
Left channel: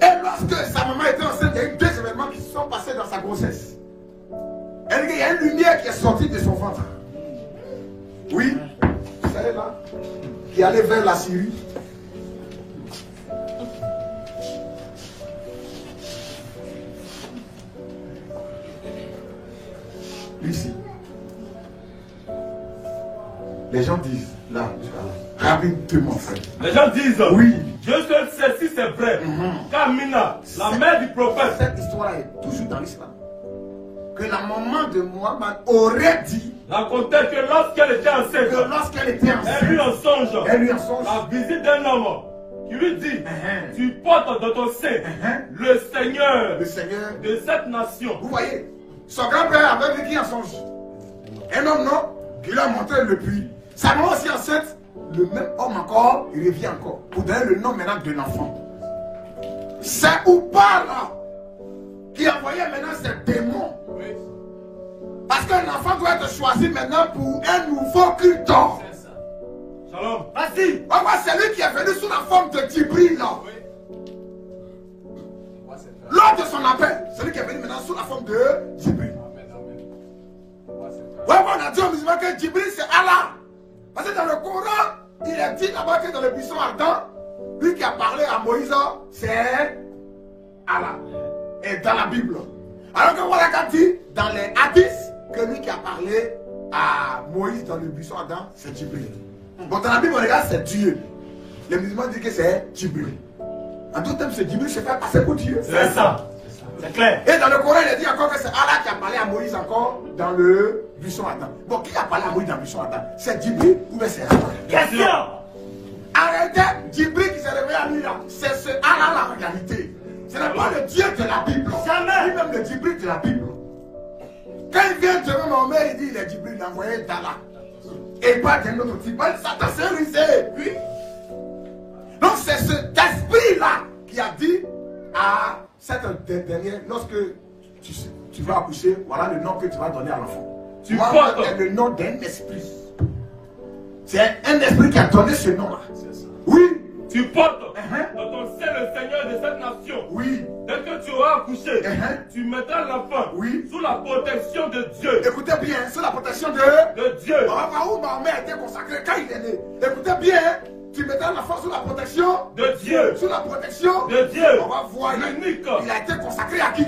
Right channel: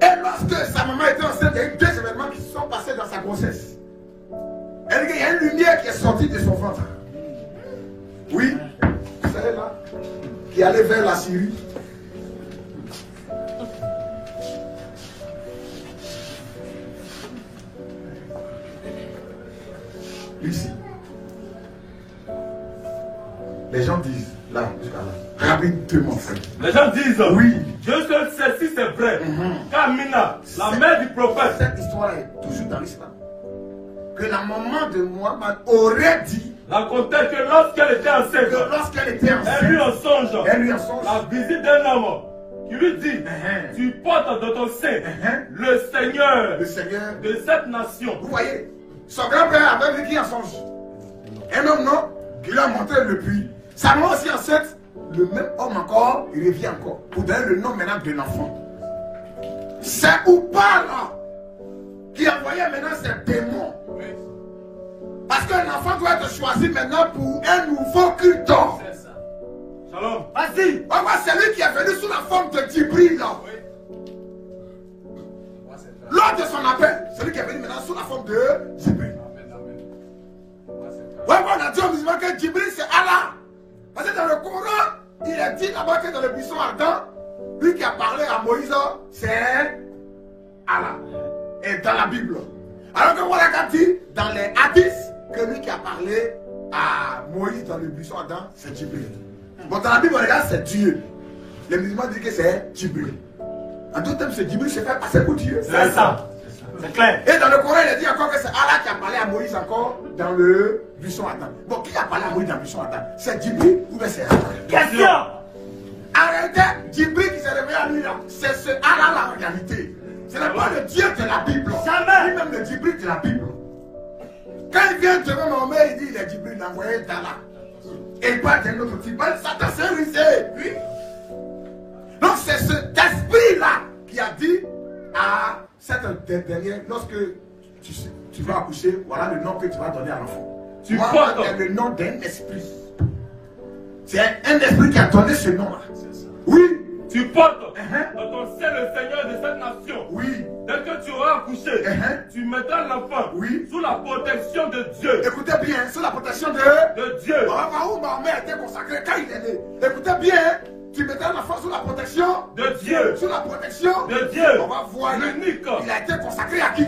Et lorsque sa maman était enceinte, il y a eu 2 événements qui se sont passés dans sa grossesse. Il y a une lumière qui est sortie de son ventre. Oui, celle-là, qui allait vers la Syrie. Ici. Les gens disent, là, rapidement, les gens disent, oui, Dieu seul sait si c'est vrai. Qu'Amina, la mère du prophète, cette histoire est toujours dans l'islam. Que la maman de Mohamed aurait dit, racontait que lorsqu'elle était enceinte, elle eut un songe, la visite d'un homme qui lui dit, tu portes dans ton sein le Seigneur de cette nation. Vous voyez, son grand-père avait vécu un songe. Un homme, non, qui l'a montré le puits. Sa maman aussi enceinte, le même homme encore, il revient encore, pour donner le nom maintenant de l'enfant. C'est Oubal qui envoyait maintenant ces démons. Parce qu'un enfant doit être choisi maintenant pour un nouveau culte. Shalom. Vas-y. C'est lui qui est venu sous la forme de Djibril. Lors de son appel, c'est lui qui est venu maintenant sous la forme de Djibril. On a dit aux musulmans que Djibril c'est Allah. Parce que dans le Coran, il est dit là-bas que dans le buisson ardent, lui qui a parlé à Moïse, c'est Allah. Et dans la Bible. Alors que voilà qu'a dit dans les hadiths que lui qui a parlé à Moïse dans le buisson ardent, c'est Djibril. Bon, dans la Bible, on regarde, c'est Dieu. Les musulmans disent que c'est Djibril. En tout temps, c'est Djibril se fait passer pour Dieu. C'est ça. C'est clair. Et dans le Coran, il est dit encore que c'est Allah qui a parlé à Moïse encore dans le buisson ardent. Bon, qui a parlé à Moïse dans le buisson ardent? C'est Djibril ou bien c'est Allah? Question. Arrêtez, Djibril qui s'est réveillé à lui là. C'est ce Allah la réalité. Ce n'est pas le Dieu de la Bible. Jamais. Lui-même le Djibril de la Bible. Quand il vient de Mohamed, il dit il est Djibril, il a envoyé d'Allah. Et pas d'un autre type. Satan s'est rusé. Oui. Donc c'est cet esprit-là qui a dit à cette dernière, lorsque tu vas accoucher, voilà le nom que tu vas donner à l'enfant. Tu portes le nom d'un esprit. C'est un esprit qui a donné ce nom-là. Oui. Tu portes dans ton sein le Seigneur de cette nation. Oui. Dès que tu auras accouché, tu mettras l'enfant sous la protection de Dieu. Écoutez bien, sous la protection de Dieu. Où Mahomet a été consacré quand il est né. Écoutez bien, tu mettras l'enfant sous la protection de Dieu. Sous la protection de Dieu. On va voir l'unique. Il a été consacré à qui?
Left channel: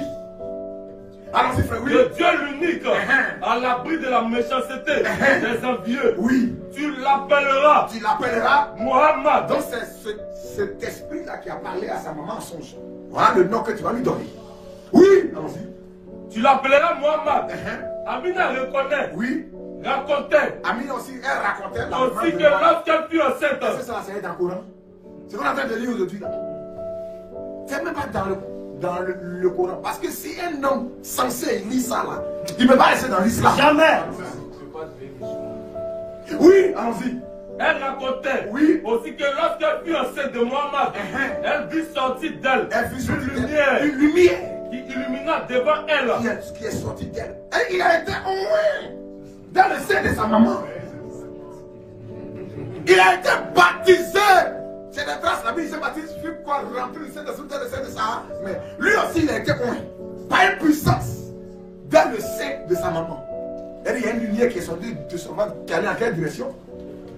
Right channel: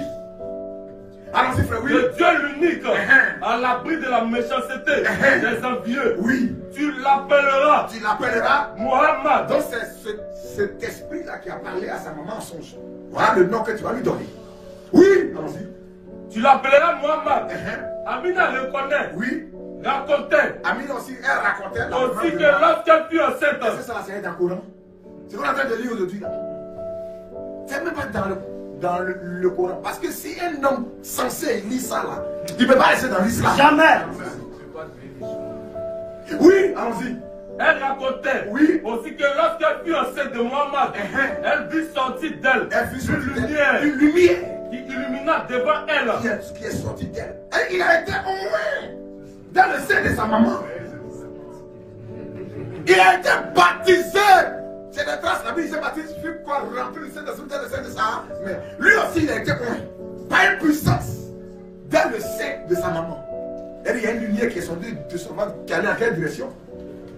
Allons-y, frère, oui. Le Dieu l'unique, à l'abri de la méchanceté des envieux. Oui. Tu l'appelleras. Tu l'appelleras Mohamed. Donc c'est cet esprit-là qui a parlé à sa maman en songe. Voilà le nom que tu vas lui donner. Oui. Allons-y. Tu l'appelleras Mohamed. Amina le connaît. Oui. Racontait. Amina aussi, elle racontait. Aussi que lorsqu'elle fut enceinte. C'est ça, c'est dans le Coran. C'est ce qu'on est en train de lire aujourd'hui là. C'est même pas dans le Coran. Parce que si un homme censé lit ça là, il ne peut pas rester dans l'islam. Jamais. Oui, allons-y. Elle racontait aussi que lorsqu'elle fut enceinte de Mohammed, elle vit sortir d'elle une lumière qui illumina devant elle. Qui est sorti d'elle. Il a été oint dans le sein de sa maman. Il a été baptisé. C'est des traces, la Bible s'est baptisé, il fait quoi rentrer le sein de sa. Mais lui aussi, il a été oint par une puissance dans le sein de sa maman. Il y a une lumière qui est sortie de son ventre, qui allait en quelle direction?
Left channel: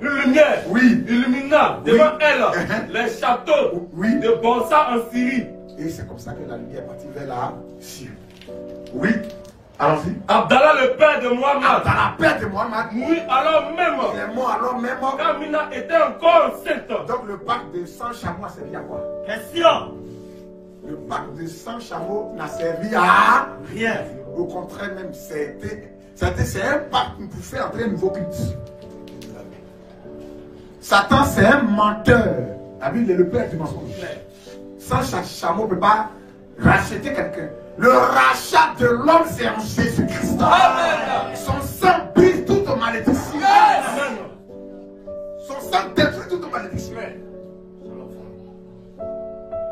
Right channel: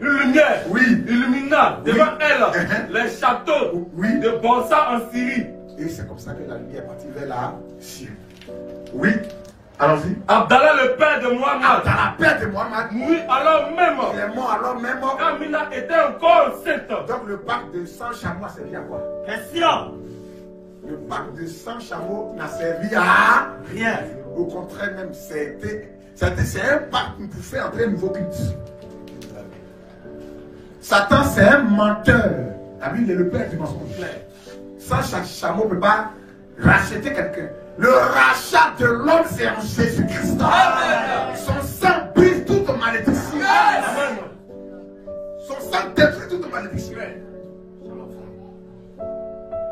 Une lumière illumina devant elle les châteaux de Bonsa en Syrie. Et c'est comme ça que la lumière est partie vers la Syrie. Oui, allons-y. Abdallah, le père de Mohammed. Abdallah, père de Mohammed. Oui, alors même. Il est mort alors même. Quand Mina était encore enceinte. Donc le pacte de 100 chameaux a servi à quoi? Question. Le pacte de 100 chameaux n'a servi à rien. Au contraire même, c'est un pacte pour faire entrer un nouveau culte. Satan, c'est un menteur. La Bible est le père du mensonge. Sans chameau ne peut pas racheter quelqu'un. Le rachat de l'homme, c'est en Jésus-Christ. Son sang brise toute malédiction. Son sang détruit toute malédiction.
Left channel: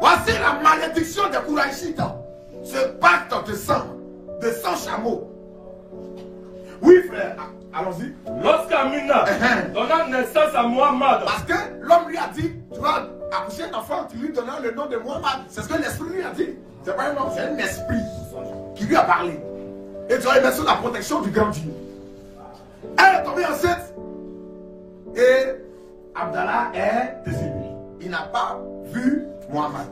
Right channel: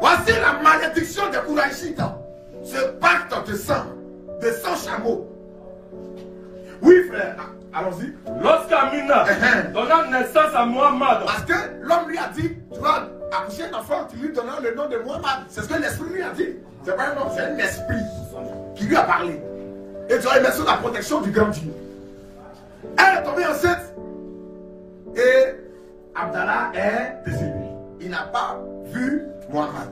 Voici la malédiction des Kouraïchites. Ce pacte de sang, de 100 chameaux. Oui, frère. Allons-y. Lorsqu'Amina donna naissance à Mohammed. Parce que l'homme lui a dit, tu vas accoucher un enfant, tu lui donneras le nom de Mohammed. C'est ce que l'esprit lui a dit. C'est pas un homme, c'est un esprit qui lui a parlé. Et tu vas y mettre sous la protection du grand Dieu. Elle est tombée enceinte. Et Abdallah est décédé. Il n'a pas vu Mohammed.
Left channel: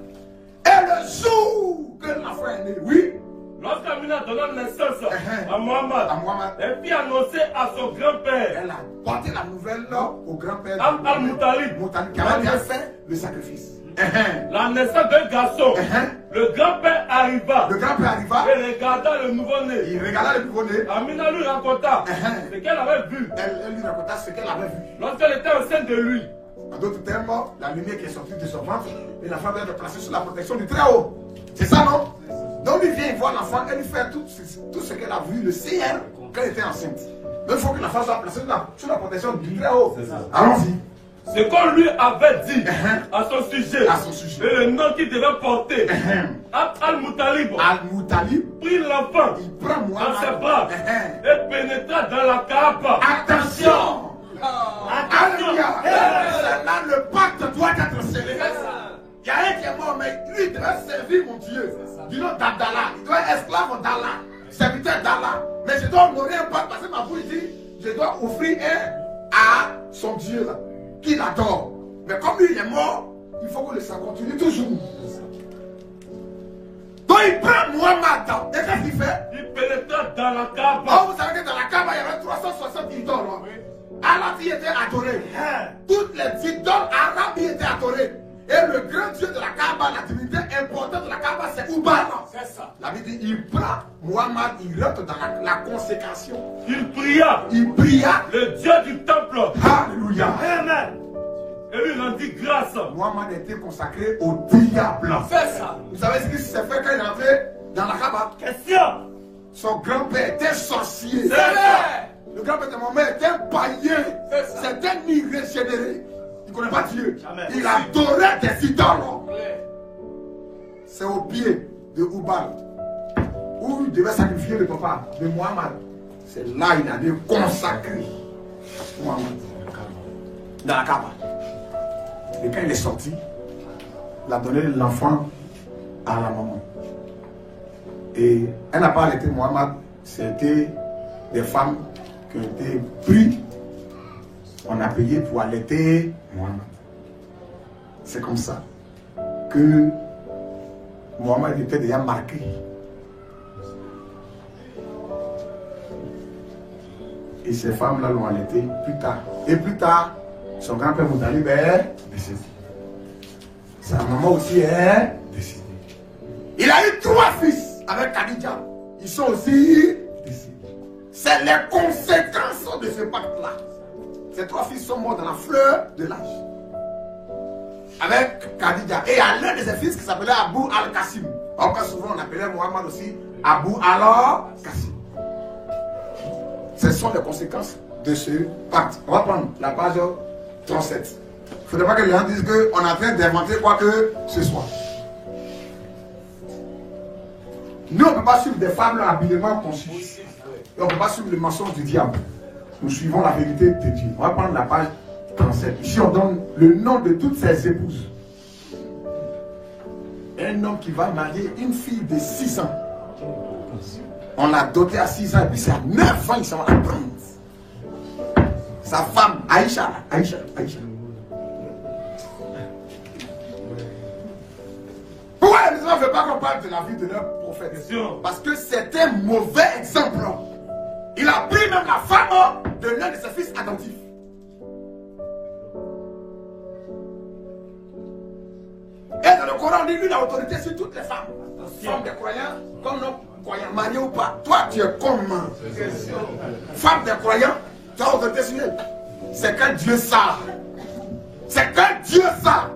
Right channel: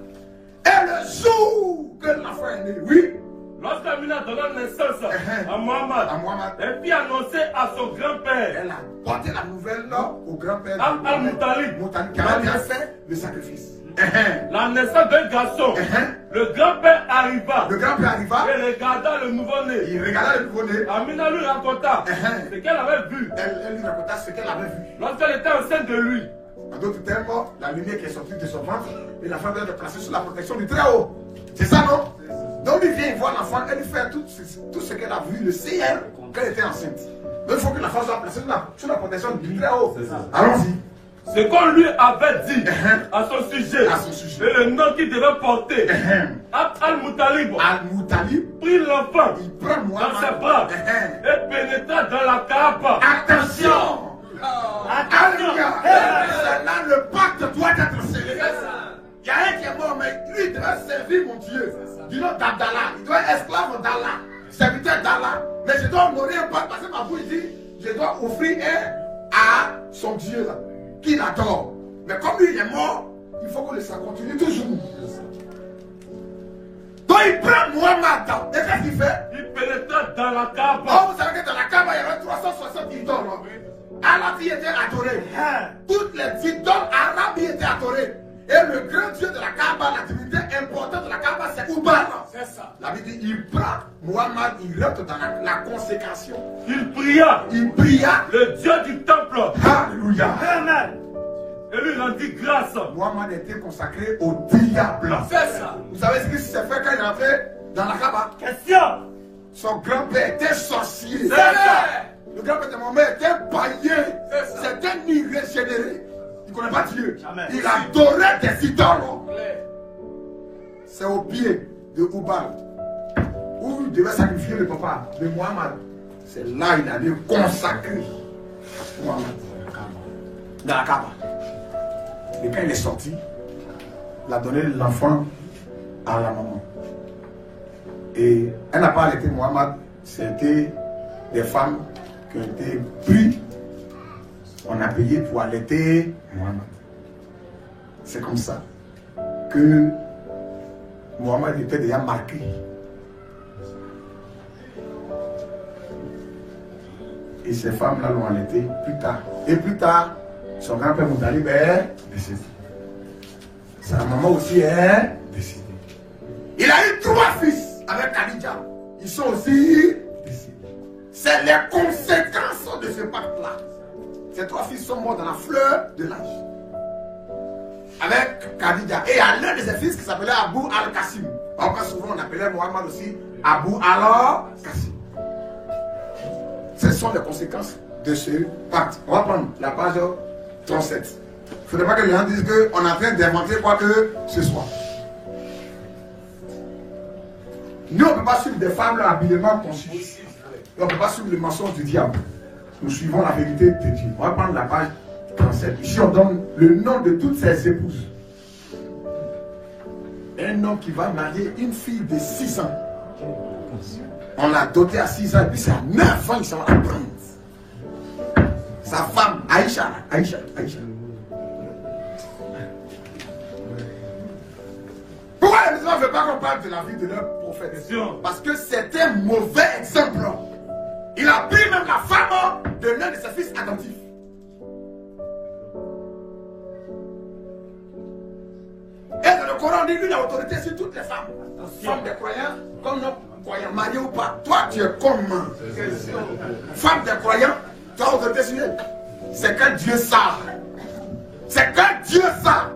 Et le jour que l'enfant est né, oui. Lorsqu'Amina donna naissance à Mohammed, elle fit annoncer à son grand-père. Elle a porté la nouvelle au grand-père Al-Moutalib, qui avait fait le sacrifice. La naissance d'un garçon. Le grand-père arriva. Et regarda le nouveau-né. Il regarda le nouveau-né. Amina lui raconta ce qu'elle avait vu. Elle lui raconta ce qu'elle avait vu. Lorsqu'elle était enceinte de lui. En d'autres termes, la lumière qui est sortie de son ventre, et l'enfant doit être placé sous la protection du Très-Haut. C'est ça, non? Donc il vient voir l'enfant, elle lui fait tout ce qu'elle a vu, le CR, qu'elle était enceinte. Donc il faut que l'enfant soit placé sous la protection du Très-Haut. Allons-y. Ce qu'on lui avait dit à son sujet, et le nom qu'il devait porter, Al-Moutalib prit l'enfant dans ses bras et pénétra dans la Kaaba. Attention! Alléluia! Là, le pacte doit être scellé. Il y a un qui est mort, mais lui il doit servir mon Dieu. Du nom d'Abdallah. Il doit être esclave d'Allah, serviteur d'Allah. Mais je dois honorer un pacte parce que ma bouche dit je dois offrir un à son Dieu là, qu'il adore. Mais comme lui il est mort, il faut que le sang continue toujours. Donc il prend Mohammed. Et qu'est-ce qu'il fait? Il pénétra dans la Kaaba. Oh, vous savez que dans la Kaaba il y avait 360 idoles. Allah y était adoré. Toutes les idoles arabes y étaient adorées. Et le grand Dieu de la Kaaba, la divinité importante de la Kaaba, c'est Ubal. C'est ça. La Bible dit, il prend Mohammed, il rentre dans la consécration. Il pria. Le Dieu du temple. Alléluia. Amen. Et lui, il en dit grâce. Mohammed était consacré au diable. C'est ça. Vous savez ce qui s'est fait quand il est entré dans la Kaaba? Question. Son grand-père était sorcier. C'est ça. Le grand-père de Mohammed était païen. C'était un irrégénéré. Il ne connaît pas Dieu. Jamais. Il adorait des idoles. C'est au pied de Ubal où il devait sacrifier le papa de Mohammed. C'est là qu'il allait consacrer Mohammed. Dans la Kaaba. Et quand il est sorti, il a donné l'enfant à la maman. Et elle n'a pas arrêté Mohammed. C'était des femmes qui ont été prises. On a payé pour allaiter Mohammed. C'est comme ça que Mohammed était déjà marqué. Et ces femmes-là l'ont allaité plus tard. Et plus tard, son grand-père Moutalib est décédé. Sa maman aussi est décédée. Il a eu 3 fils avec Khadija. Ils sont aussi décédés. C'est les conséquences de ce pacte-là. Ces 3 fils sont morts dans la fleur de l'âge. Avec Khadija. Et il y a l'un de ses fils qui s'appelait Abu al-Qasim. Encore souvent on appelait Mohammed aussi Abu al-Qasim. Ce sont les conséquences de ce pacte. On va prendre la page 37. Il ne faudrait pas que les gens disent qu'on est en train d'inventer quoi que ce soit. Nous, on ne peut pas suivre des femmes habilement conçues. On ne peut pas suivre le mensonge du diable. Nous suivons la vérité de Dieu. On va prendre la page 37. Ici, on donne le nom de toutes ses épouses. Un homme qui va marier une fille de 6 ans. On l'a doté à 6 ans et puis c'est à 9 ans qu'il s'en va la prendre. Sa femme, Aïcha. Pourquoi les musulmans ne veulent pas qu'on parle de la vie de leur prophète? Parce que c'est un mauvais exemple. Il a pris même la femme de l'un de ses fils adoptifs. Et dans le Coran, on dit lui la autorité sur toutes les femmes. Femmes des croyants, comme non croyants, mariés ou pas. Toi, tu es comment? Femme des croyants, tu as autorité sur elle. C'est que Dieu ça. C'est que Dieu ça.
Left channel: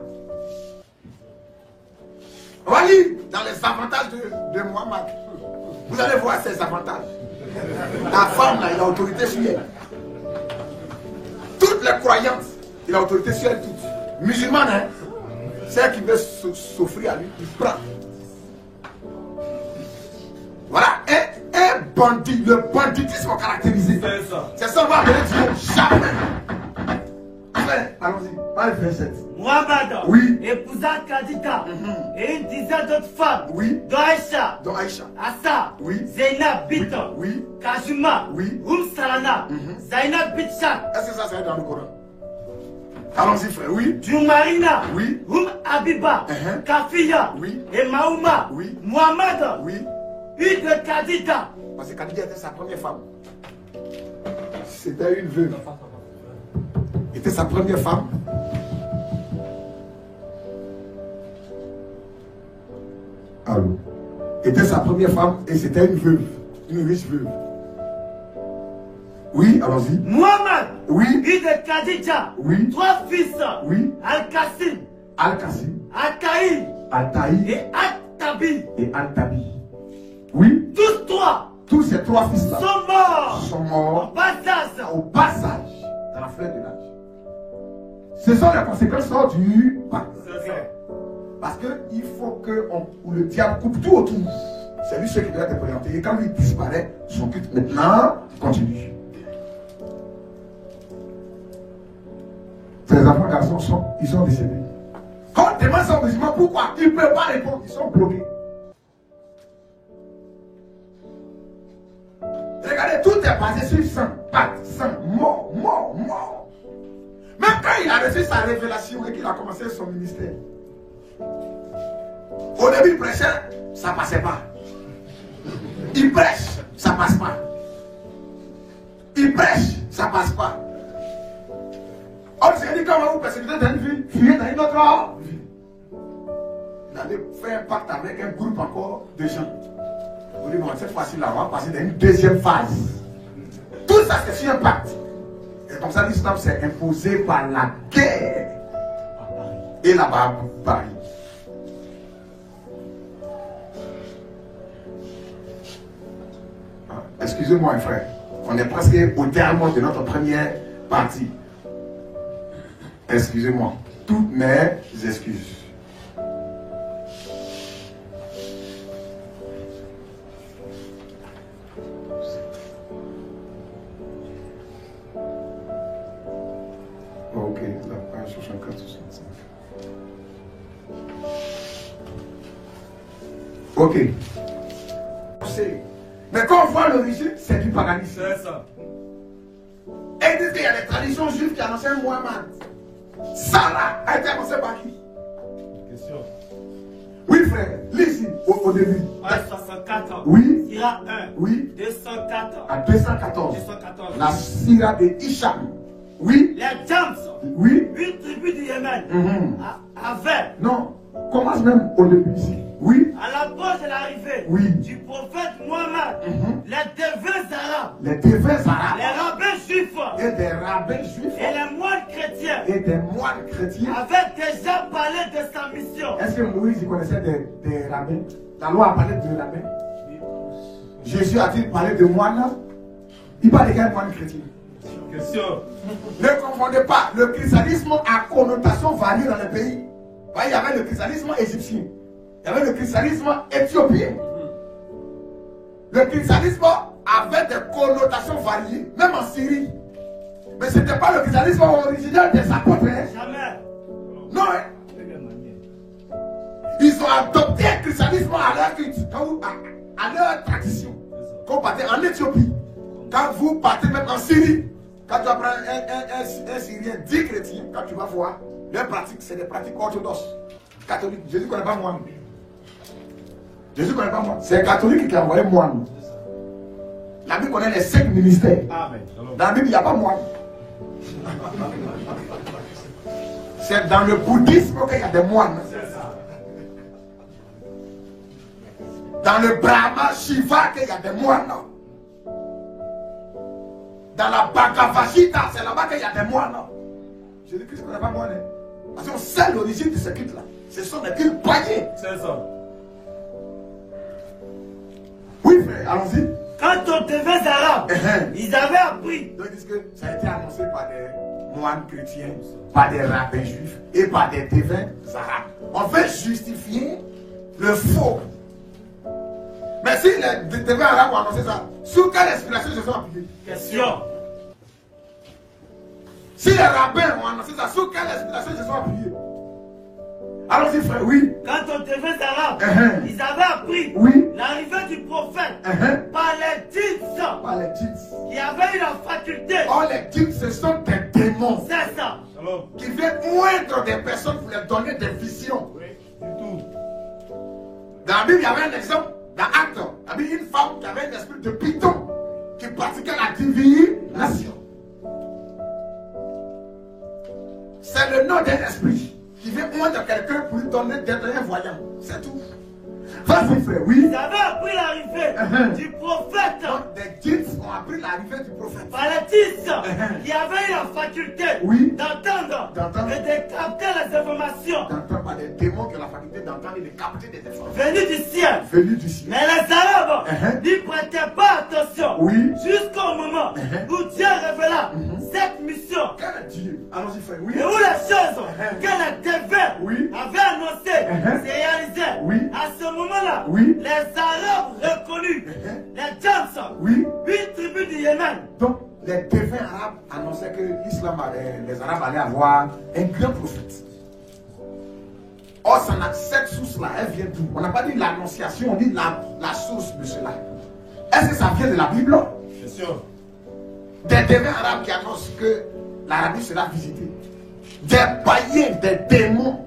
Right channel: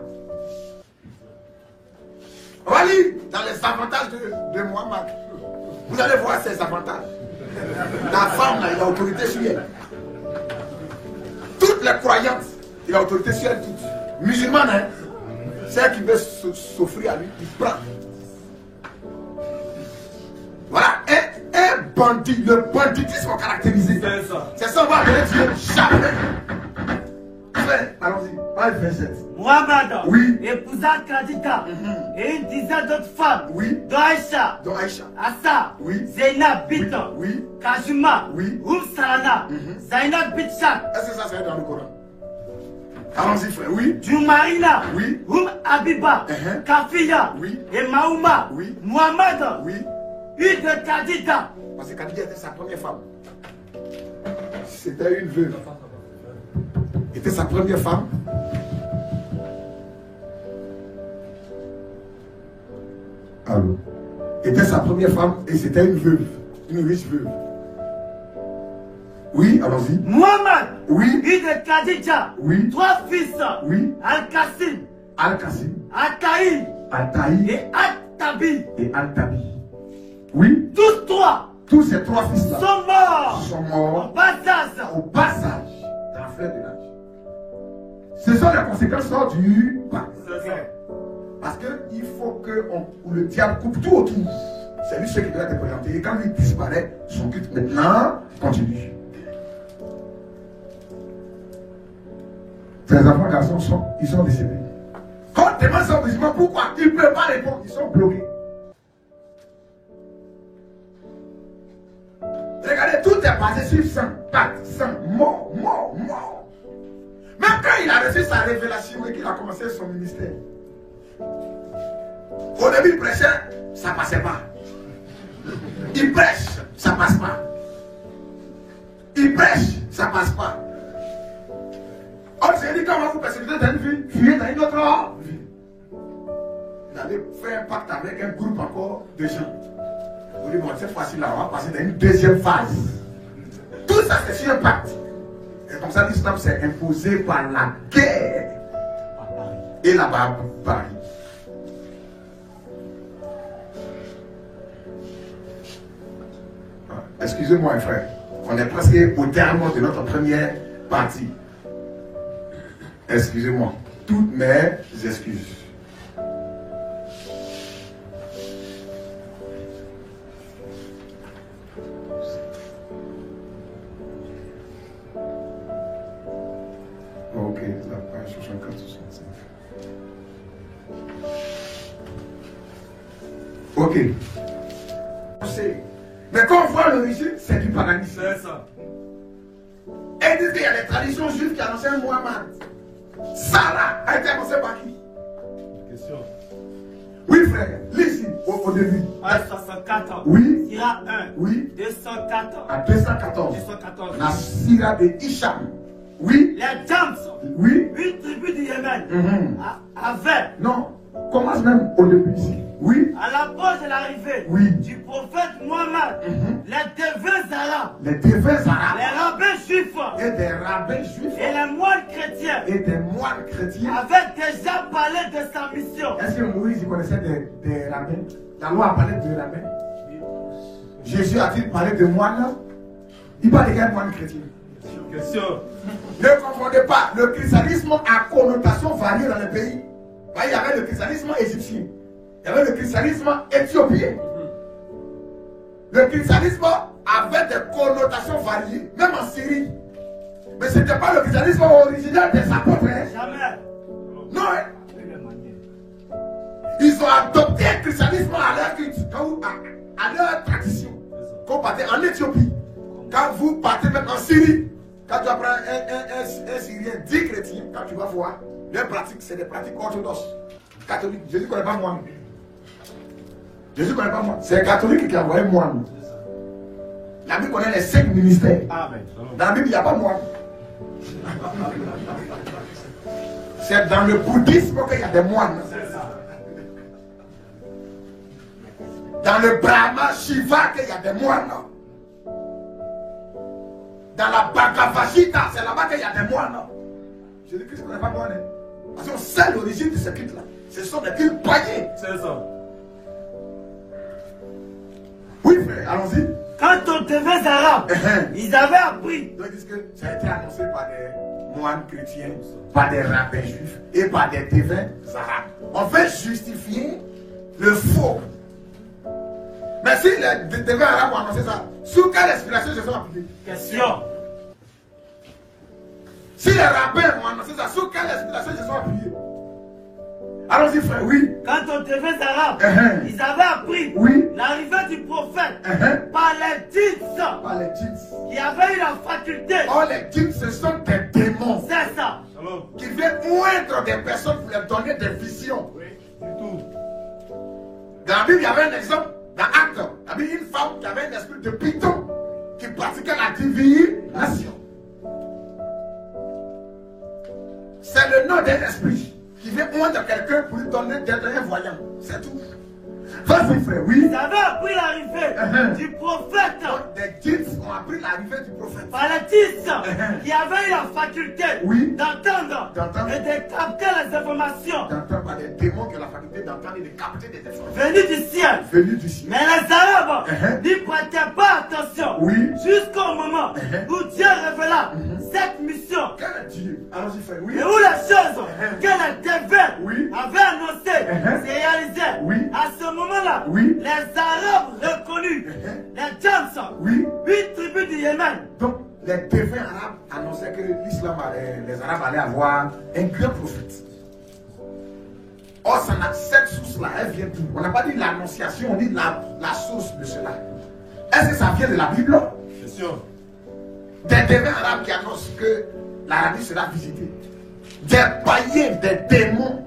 On va lire dans les avantages de Mohammed. Vous allez voir ses avantages. Ta femme, là, il a autorité sur elle. Toutes les croyantes, il a autorité sur elle toutes. Musulmane, hein, c'est elle qui veut s'offrir à lui, il prend. Voilà, un bandit, le banditisme caractérisé. C'est ça, on va appeler Dieu jamais. Allons-y, pas le verset. Mohammed oui. épousa Khadija et une dizaine d'autres femmes. Oui. Dont Aïcha. Assa. Oui. Zainab Bint. Oui. Kajuma. Oui. Salana. Zainab Bint Shak. Est-ce que ça c'est dans le Coran? Allons-y frère, oui. Jumarina. Oui. Abiba. Kafiya. Oui. Et Maouma. Oui. Mohammed. Oui. Une de Khadija. Parce que Khadija était sa première femme. C'était une veuve. Était sa première femme. Allô. Était sa première femme et c'était une veuve. Une riche veuve. Oui, allons-y. Mohammed. Oui. Une de Khadija. Oui. 3 fils. Oui. Al-Qasim. Al-Taï. Et Al-Tabi. Oui. Tous 3. Tous ces 3 fils-là sont morts. Au passage. Dans la fleur de l'âge. Ce sont les conséquences du pacte. Parce qu'il faut que le diable coupe tout autour. C'est lui ce qui doit être présenté. Et quand il disparaît, son culte maintenant continue. Ces enfants garçons ils sont décédés. Quand on demande ça aux musulmans, pourquoi ils ne peuvent pas répondre, ils sont bloqués. Regardez, tout est basé sur sang, pacte, sang, mort. Même quand il a reçu sa révélation et qu'il a commencé son ministère, au début il prêchait, ça ne passait pas. Il prêche, ça ne passe pas. Il prêche, ça ne passe pas. On s'est dit comment vous persécutez dans une vie, fuyez dans une autre vie. Il avait fait un pacte avec un groupe encore de gens. On dit bon, cette fois-ci là, on va passer dans une deuxième phase. Tout ça c'est sur un pacte. Et comme ça l'islam s'est imposé par la guerre. Et là-bas, Paris. Excusez-moi, frère. On est presque au terme de notre première partie. Excusez-moi. Toutes mes excuses. Ok, la page 64-65. Ok. Mais quand on voit l'origine, c'est du paganisme. C'est ça. Et ils disent qu'il y a des traditions juives qui annonçaient un Muhammad. Sarah a été annoncée par qui? Question. Oui, frère, lis au début. Page 64. Oui. Sira 1. Oui. 204. À 214. 214. La Sira de Hicham. Oui. Les Jams. Oui. Une tribu du Yémen. Avait. Non, commence même au début ici. Oui. À l'approche de l'arrivée du prophète Mohammed, les devins arabes, les rabbins juifs et des rabbins juifs et les moines chrétiens avaient déjà parlé de sa mission. Est-ce que Moïse connaissait des rabbins? La loi a parlé de rabbins. Jésus a-t-il parlé de moines? Il parle de quel moine chrétien? Question. Ne confondez pas. Le christianisme a connotation variée dans le pays. Vous voyez, il y avait le christianisme égyptien. Il y avait le christianisme éthiopien. Le christianisme avait des connotations variées, même en Syrie. Mais ce n'était pas le christianisme original des apôtres. Jamais. Non, hein? Ils ont adopté le christianisme à leur culte, à leur tradition. Quand vous partez en Éthiopie, quand vous partez même en Syrie, quand tu apprends un Syrien, 10 chrétiens, quand tu vas voir, leurs pratiques, c'est des pratiques orthodoxes, catholiques. Jésus ne connaît pas moi. Jésus ne connaît pas moi. C'est les catholiques qui ont envoyé moi. La Bible connaît les 5 ministères. Amen. Dans la Bible, il n'y a pas moi. C'est dans le bouddhisme qu'il y a des moines. Dans le Brahma Shiva qu'il y a des moines. Dans la Bhagavad Gita, c'est là-bas qu'il y a des moines. Jésus-Christ ne connaît pas moine. Parce qu'on sait l'origine de ce culte-là. Ce sont des cultes païens. C'est ça. Oui, frère, allons-y. Quand on devait arabes, ils avaient appris. Donc, ils disent que ça a été annoncé par des moines chrétiens, par des rabbins juifs et par des devins arabes. On veut justifier le faux. Mais si les devins arabes ont annoncé ça, sous quelle inspiration ils se sont appuyés? Question. Si les rabbins ont annoncé ça, sous quelle inspiration ils se sont appuyés? Allons-y, frère, oui. Quand on devait arabes, ils avaient appris l'arrivée du prophète par les djinns. Par les djinns. Qui avaient eu la faculté. Oh, les djinns, ce sont des démons. C'est ça. Qui viennent moindre des personnes pour leur donner des visions. Oui, du tout. Dans la Bible, il y avait un exemple. Dans Actes, il y avait une femme qui avait un esprit de python qui pratiquait la divination. C'est le nom d'un esprit qui vient moindre quelqu'un pour lui donner d'être un voyant. C'est tout. Vas-y, frère, oui. Ils avaient appris l'arrivée du prophète. Donc, des djinns ont appris l'arrivée du prophète. Par les djinns qui avaient eu la faculté d'entendre et de capter les informations. D'entendre par des démons qui ont la faculté d'entendre et de capter des informations. Venus du ciel. Venus du ciel. Mais les Arabes n'y prêtaient pas attention. Jusqu'au moment où Dieu révéla cette mission. Quel Dieu? Allons-y, frère, oui. Et où les choses que les devins avaient annoncées se réalisaient. À ce moment-là, les Arabes reconnus, les Djinns, 8 tribus du Yémen. Donc, les devins arabes annonçaient que l'islam, les Arabes allaient avoir un grand prophète. Or, cette source-là, elle vient d'où? On n'a pas dit l'annonciation, on dit la source de cela. Est-ce que ça vient de la Bible? Bien sûr. Des devins arabes qui annoncent que l'Arabie sera visitée. Des païens, des démons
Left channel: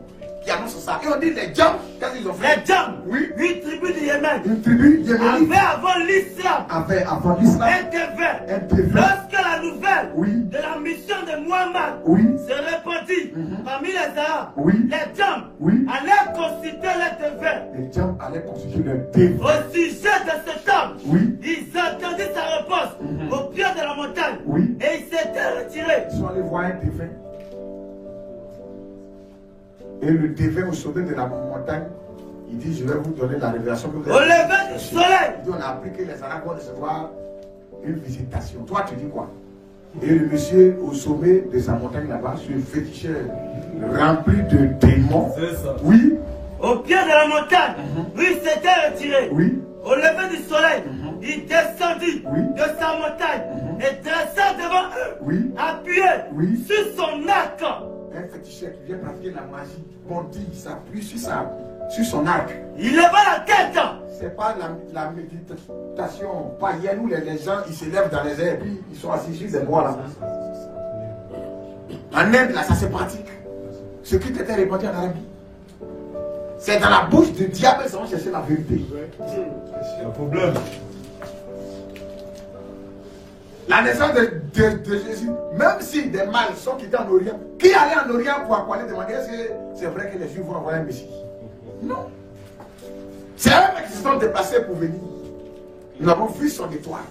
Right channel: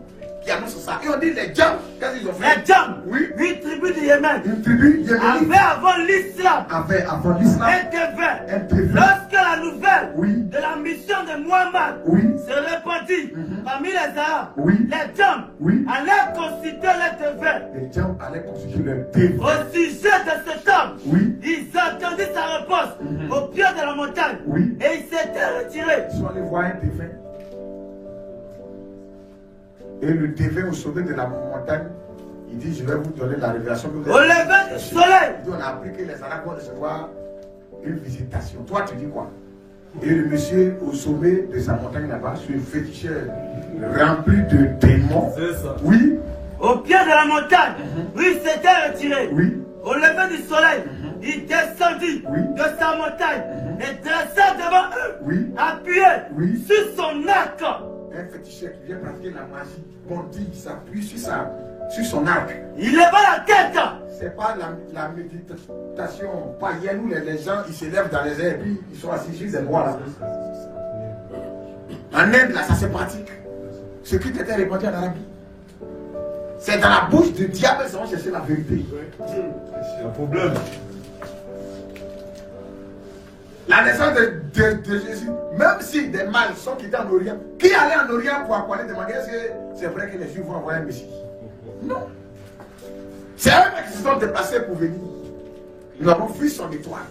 qui annoncent ça. Et on dit les djinns, qu'est-ce qu'ils ont fait? Les djinns, 8 tribus du Yémen. Une tribu yéménite. Avaient avant l'islam. Avant l'islam. Un devin. Lorsque la nouvelle de la mission de Muhammad se répandit parmi les Arabes, les djinns allaient consulter les devins. Les djinns allaient consulter le devin. Au sujet de cet homme, ils attendaient sa réponse au pied de la montagne. Et ils s'étaient retirés. Ils sont allés voir un devin. Et le devin au sommet de la montagne, il dit, je vais vous donner la révélation que vous avez. Au lever du soleil. Il dit, on a appris que les Arabes vont recevoir une visitation. Toi, tu dis quoi? Et le monsieur au sommet de sa montagne là-bas, sur une féticheur rempli de démons. C'est ça. Oui. Au pied de la montagne, il s'était retiré. Au lever du soleil, il descendit de sa montagne et dressa devant eux, appuyé sur son arc. Un féticheur qui vient pratiquer la magie, bondit, s'appuie sur son arc. Il leva la tête. C'est pas la méditation païenne où les gens ils s'élèvent dans les airs et puis ils sont assis sur des bois là. En Inde là, ça se pratique. Ce qui était répandu en Arabie. C'est dans la bouche du diable qu'ils vont chercher la vérité. C'est un problème. La naissance de Jésus, même si des mâles sont quittés en Orient, qui allait en Orient pour aller demander est-ce que c'est vrai que les Juifs vont envoyer un Messie? Non. C'est eux qui se sont déplacés pour venir. Nous avons vu son étoile.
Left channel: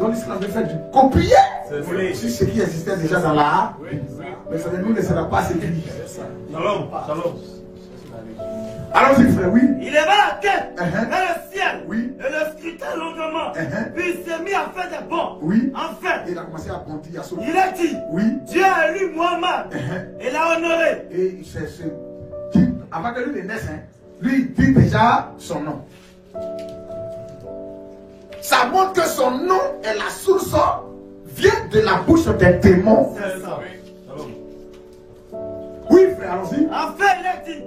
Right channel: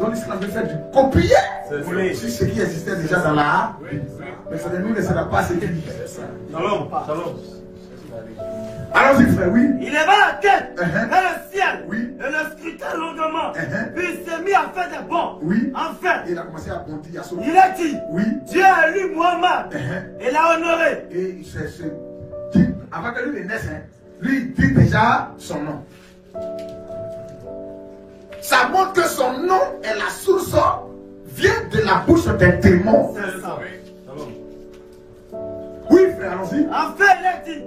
Donc l'islam veut faire du copier sur ce qui existait déjà dans la mais ça ne nous laissera pas s'écrire. Shalom. Allons-y, frère, Il leva la tête vers le ciel et le scruta médita longuement. Puis il s'est mis à faire des bons. Oui. En fait, il a commencé à bondir, à sauter. Il a dit, oui. Dieu a élu Mohammed et l'a honoré. Et avant que lui ne naisse, lui il dit déjà son nom. Ça montre que son nom est la source, vient de la bouche d'un démon. C'est ça. Oui, frère, allons-y. En fait, il a dit,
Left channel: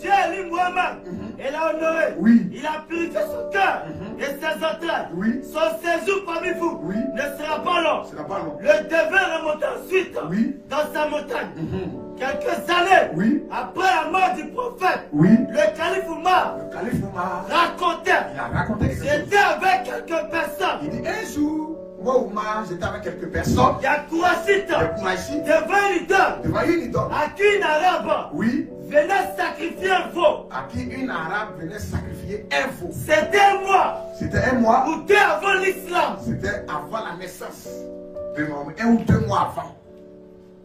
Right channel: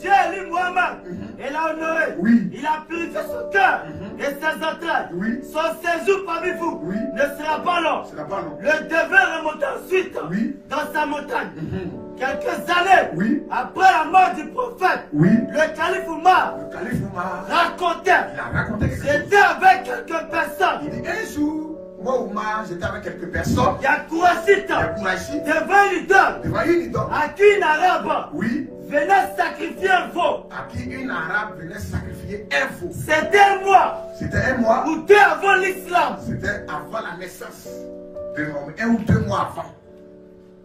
Dieu a élu Mohammed et l'a honoré. Oui. Il a purifié son cœur et ses entrailles. Oui. Son séjour parmi vous ne sera pas long. Le devin remonte ensuite dans sa montagne. Quelques années après la mort du prophète, le calife Omar racontait, j'étais avec quelques personnes. Il dit un jour, moi Omar, j'étais avec quelques personnes. Il y a Kourachite devant une idole à qui une arabe venait sacrifier un veau. À qui une arabe venait sacrifier un veau. C'était un mois. C'était un mois. Ou deux avant l'islam. C'était avant la naissance de Mohammed. 1 ou 2 mois avant.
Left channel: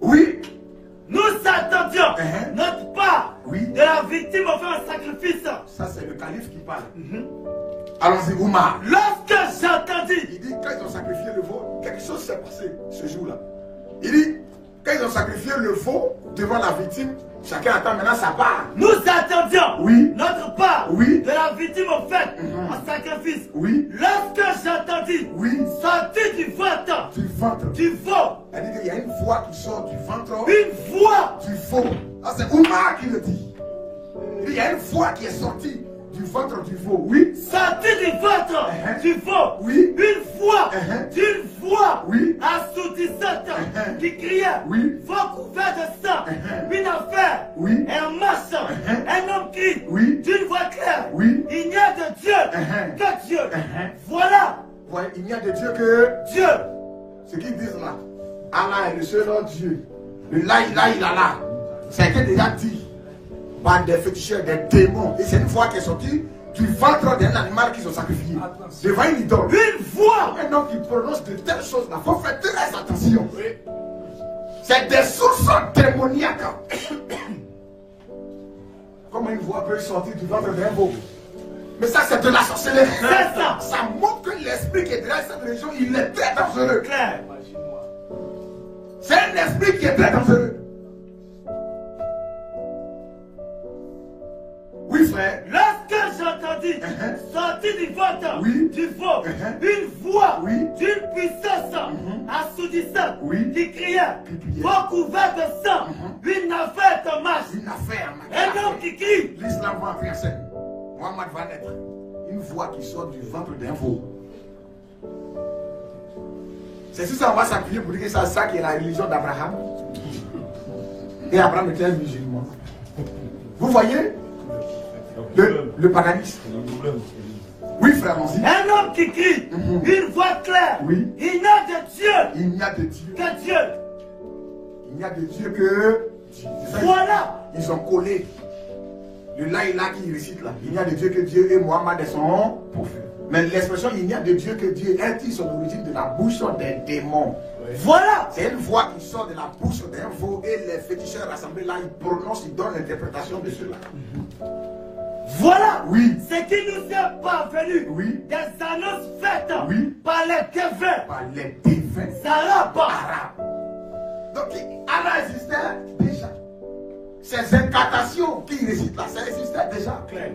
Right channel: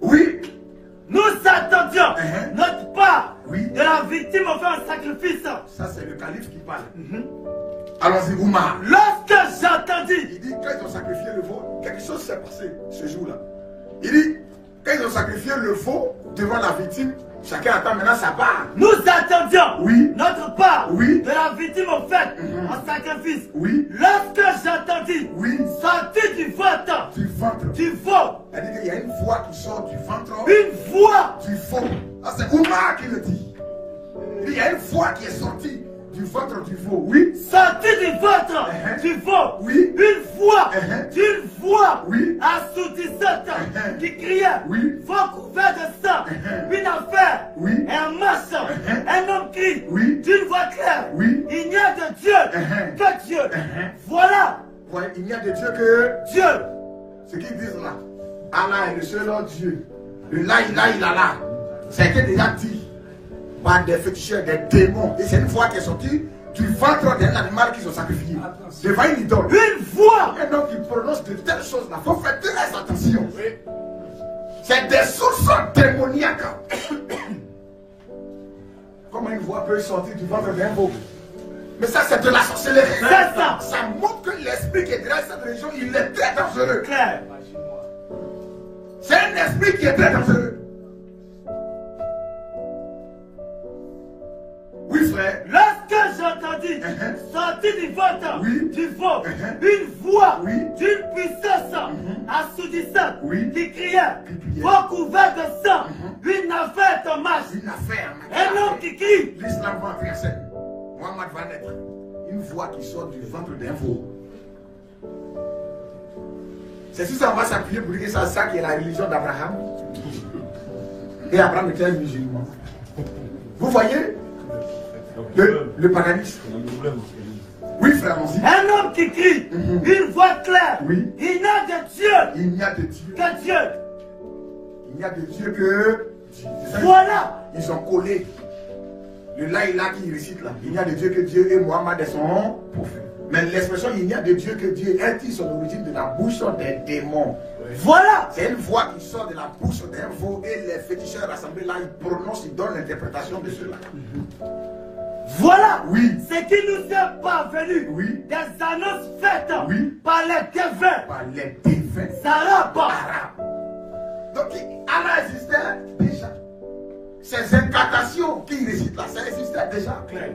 Oui. Nous attendions notre part de la victime au fait un sacrifice. Ça, c'est le calife qui parle. Allons-y, Oumar. Lorsque j'entendis, il dit, quand ils ont sacrifié le veau, quelque chose s'est passé ce jour-là. Il dit, quand ils ont sacrifié le veau devant la victime, chacun attend maintenant sa part. Nous attendions notre part de la victime au fait en sacrifice. Lorsque j'entendis sortir du ventre du veau. Elle dit qu'il y a une voix qui sort du ventre. Une voix du veau. Ah, c'est Oumar qui le dit. Il y a une voix qui est sortie du ventre du veau. Oui. Sortie du ventre du veau. Oui. Une voix. D'une voix assourdissante qui criait. Veau couvert de sang. Une affaire. Un marche. Un homme crie. D'une voix claire. Il n'y a de Dieu que Dieu. Voilà. Il n'y a de Dieu que Dieu. Ce qu'ils disent là. Allah est le seul Dieu. Le la ilaha illallah. Ça a été déjà dit par des féticheurs, des démons. Et c'est une voix qui est sortie du ventre d'un animal qu'ils ont sacrifié. Devant une idole. Une voix. Un homme qui prononce de telles choses là. Il faut faire très attention. C'est des sources démoniaques. Comment une voix peut sortir du ventre d'un veau? Mais ça, c'est de la sorcellerie. C'est ça. Ça montre que l'esprit qui est derrière cette région, il est très dangereux. Claire. C'est un esprit qui est très dangereux. Oui, frère. Lorsque j'entendis sortir du ventre du veau une voix d'une puissance assourdissante qui criait, veau couvert de sang, une affaire en marche. Un homme qui crie. L'islam va entrer en scène. Mohammed va naître. Une voix qui sort du ventre d'un veau. C'est tout ça, on va s'appuyer pour dire que c'est ça qui est la religion d'Abraham. Et Abraham était un musulman. Vous voyez le paganisme. Oui, frère, on dit. Un homme qui crie, une voix claire. Il n'y a de Dieu. Il n'y a de Dieu que Dieu. Il n'y a de Dieu que Dieu. Voilà. Ils ont collé le laïla qui récite là. Il n'y a de Dieu que Dieu et Mohammed est son prophète. Mais l'expression il n'y a de Dieu que Dieu est son origine de la bouche des démons. Voilà. C'est une voix qui sort de la bouche d'un veau et les féticheurs rassemblés là, ils prononcent, ils donnent l'interprétation de cela. Voilà ce qui nous est parvenu des annonces faites par les défunts. Par les défunts arabes. Donc Allah existait déjà. Ces incantations qu'il récite là, ça existait déjà. Clair.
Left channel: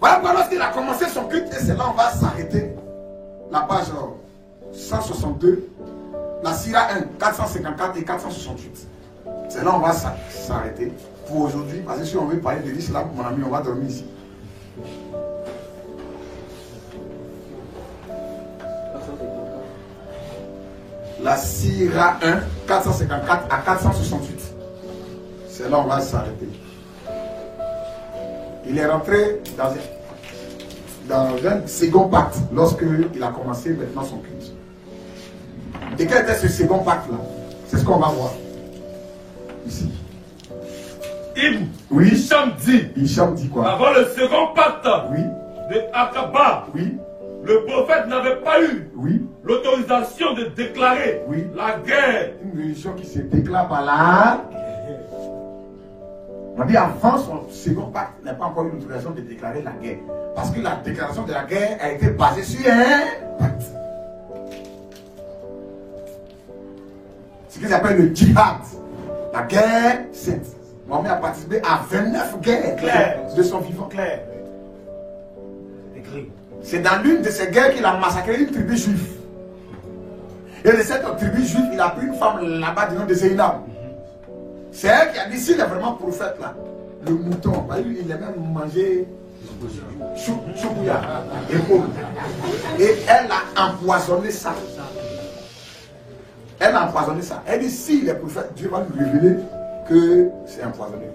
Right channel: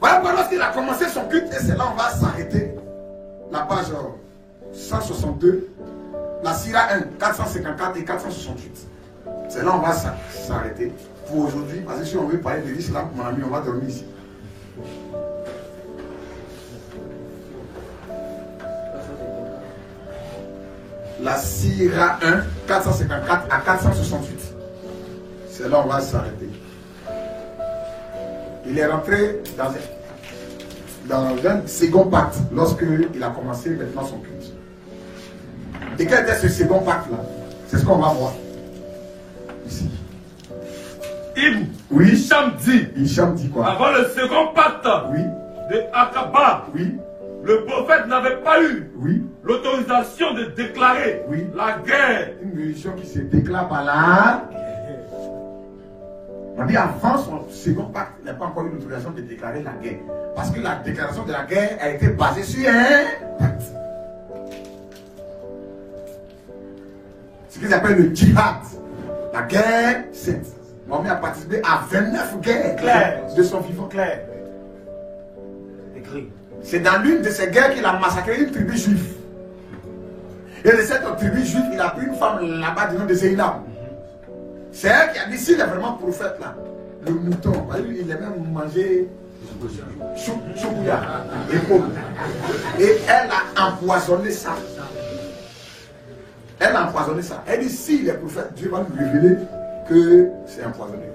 Voilà lorsqu'il a commencé son culte, et c'est là on va s'arrêter. La page 162, la Sira 1, 454 et 468. C'est là on va s'arrêter pour aujourd'hui. Parce que si on veut parler de l'islam, mon ami, on va dormir ici. La Sira 1, 454 à 468. C'est là on va s'arrêter. Il est rentré dans un second pacte lorsqu'il a commencé maintenant son culte. Et quel était ce second pacte là? C'est ce qu'on va voir ici. Hicham dit quoi? Avant le second pacte de Akaba, le prophète n'avait pas eu l'autorisation de déclarer la guerre. Une religion qui se déclare par la... On dit avant son second pacte, il n'a pas encore eu l'autorisation de déclarer la guerre. Parce que la déclaration de la guerre a été basée sur un pacte. Ce qu'ils appellent le djihad. La guerre sainte. Mohamed a participé à 29 guerres de son vivant. Clair. Écrit. C'est dans l'une de ces guerres qu'il a massacré une tribu juive. Et de cette tribu juive, il a pris une femme là-bas du nom de Zéinab. C'est elle qui a dit, s'il est vraiment prophète là, le mouton, il aime même manger choukouya et pomme. Et elle a empoisonné ça. Elle a empoisonné ça. Elle dit, s'il est prophète, Dieu va nous révéler que c'est empoisonné.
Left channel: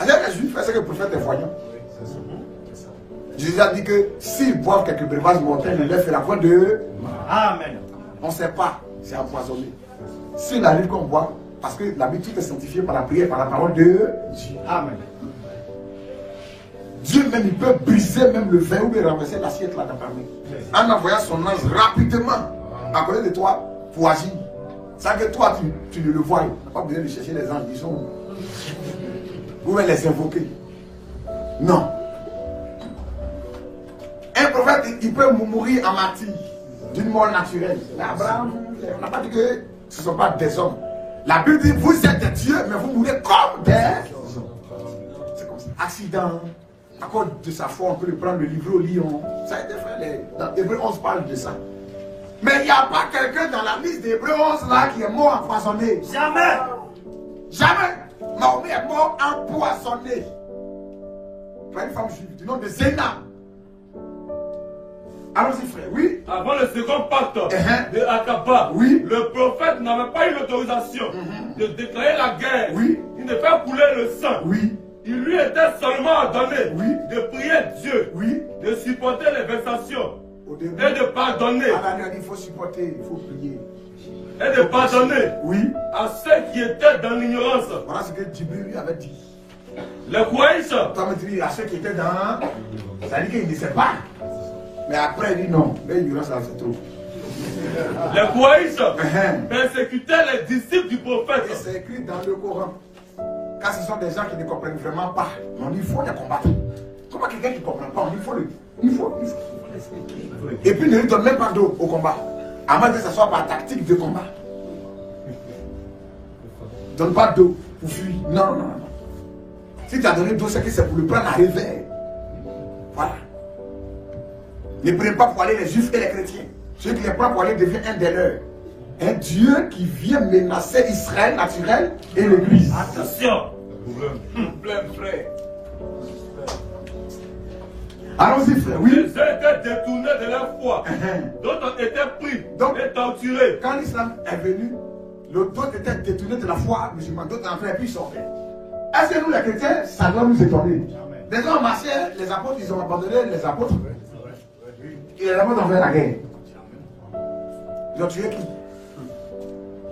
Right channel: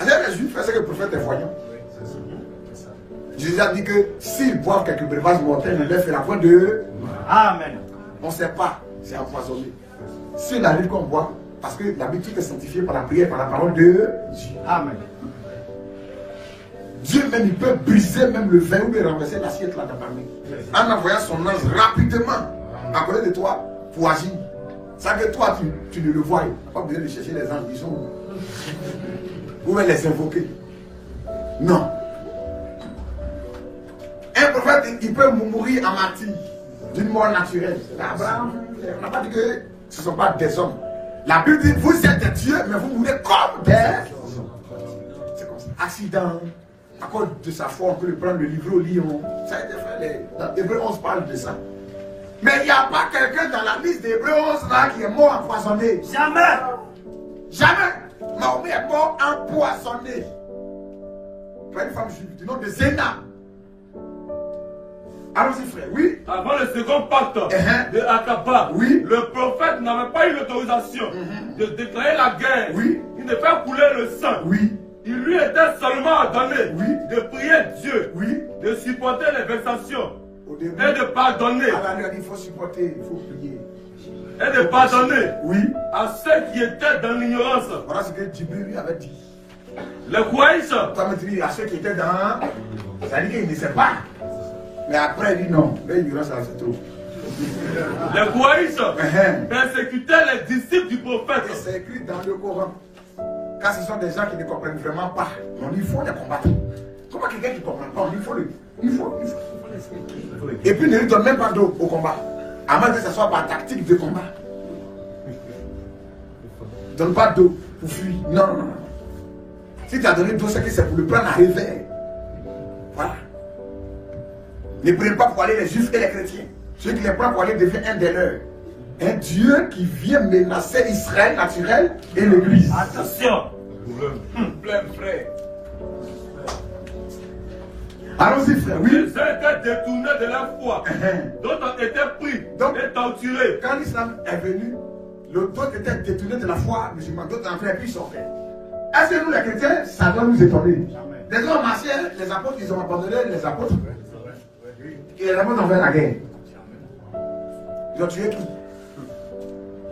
Alors les juifs, c'est que le prophète est voyant. Jésus a dit que s'ils boivent quelques breuvages mortels, il leur fait la voix de... Amen. On ne sait pas, c'est empoisonné. S'il arrive qu'on boit, parce que l'habitude est sanctifiée par la prière, par la parole de Dieu. Amen. Dieu même, il peut briser même le vin ou bien renverser l'assiette là dans en envoyant son ange rapidement à côté de toi pour agir. Ça que toi, tu ne le vois. Tu n'as pas besoin de chercher les anges, ils sont où? Vous pouvez les invoquer. Non. Un prophète, il peut mourir en martyr d'une mort naturelle. Abraham, on n'a pas dit que ce ne sont pas des hommes. La Bible dit, vous êtes des dieux, mais vous mourrez comme des hommes. C'est comme ça. Accident. À cause de sa foi, on peut le prendre, le livrer au lion. Ça a été fait. Dans Hébreux 11 parle de ça. Mais il n'y a pas quelqu'un dans la liste d'Hébreux 11 là qui est mort empoisonné. Jamais. Jamais. Mahomet est mort empoisonné. Par une femme juive du nom de Zéna. Allons-y frère, oui. Avant le second pacte de Akaba, oui, le prophète n'avait pas eu l'autorisation de déclarer la guerre, oui, il ne fait couler le sang. Oui. Il lui était seulement ordonné, oui, de prier Dieu, oui, de supporter les vexations et de pardonner. Il faut supporter, il faut prier. Et de pardonner, oui, à ceux qui étaient dans l'ignorance. Voilà ce que Djibril lui avait dit. Les Kouaïs. Toi, me dis à ceux qui étaient dans. Ça dit qu'il ne sait pas. Mais après, il dit non. L'ignorance, c'est trop. Les Kouaïs persécutaient les disciples du prophète. Et c'est écrit dans le Coran. Quand ce sont des gens qui ne comprennent vraiment pas, on dit il faut les combattre. Comment quelqu'un qui ne comprend pas, on dit il faut l'expliquer. Et puis ne lui donne même pas d'eau au combat. À moins que ce soit par tactique de combat. Donne pas d'eau pour fuir. Non, non, non. Si tu as donné d'eau, c'est que c'est pour le prendre à réveil. Voilà. Ne prenez pas pour aller les juifs et les chrétiens. Celui qui les prend pour aller devient un des leurs. Un Dieu qui vient menacer Israël naturel et l'église. Attention. Plein frère. Allons-y frère, oui. Ils étaient détournés de leur foi. D'autres ont été pris et torturés. Quand l'islam est venu, d'autres étaient détournés de la foi musulmane, d'autres en fait et puis ils sont faits. Est-ce que nous les chrétiens, ça doit nous étonner? Des gens marchaient, les apôtres, ils ont abandonné les apôtres. Et les apôtres ont fait la guerre. Ils ont tué qui?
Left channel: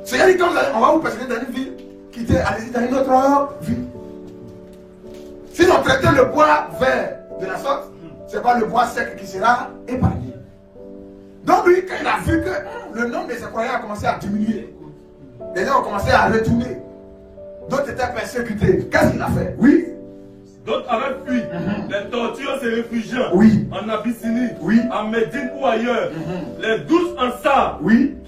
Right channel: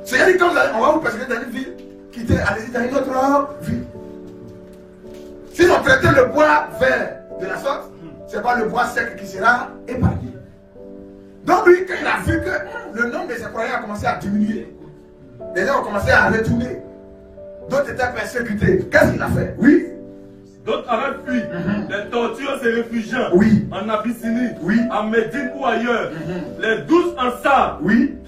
C'est-à-dire quand on va vous persécuter dans une ville, quittez, allez-y dans une autre ville. Si on traitait le bois vert de la sorte, c'est pas le bois sec qui sera épargné. Donc lui, quand il a vu que le nombre de ses croyants a commencé à diminuer, les gens ont commencé à retourner. D'autres étaient persécutés. Qu'est-ce qu'il a fait? Oui. D'autres avaient fui les tortures et réfugiés en Abyssinie, en Médine ou ailleurs. Les 12 Ansar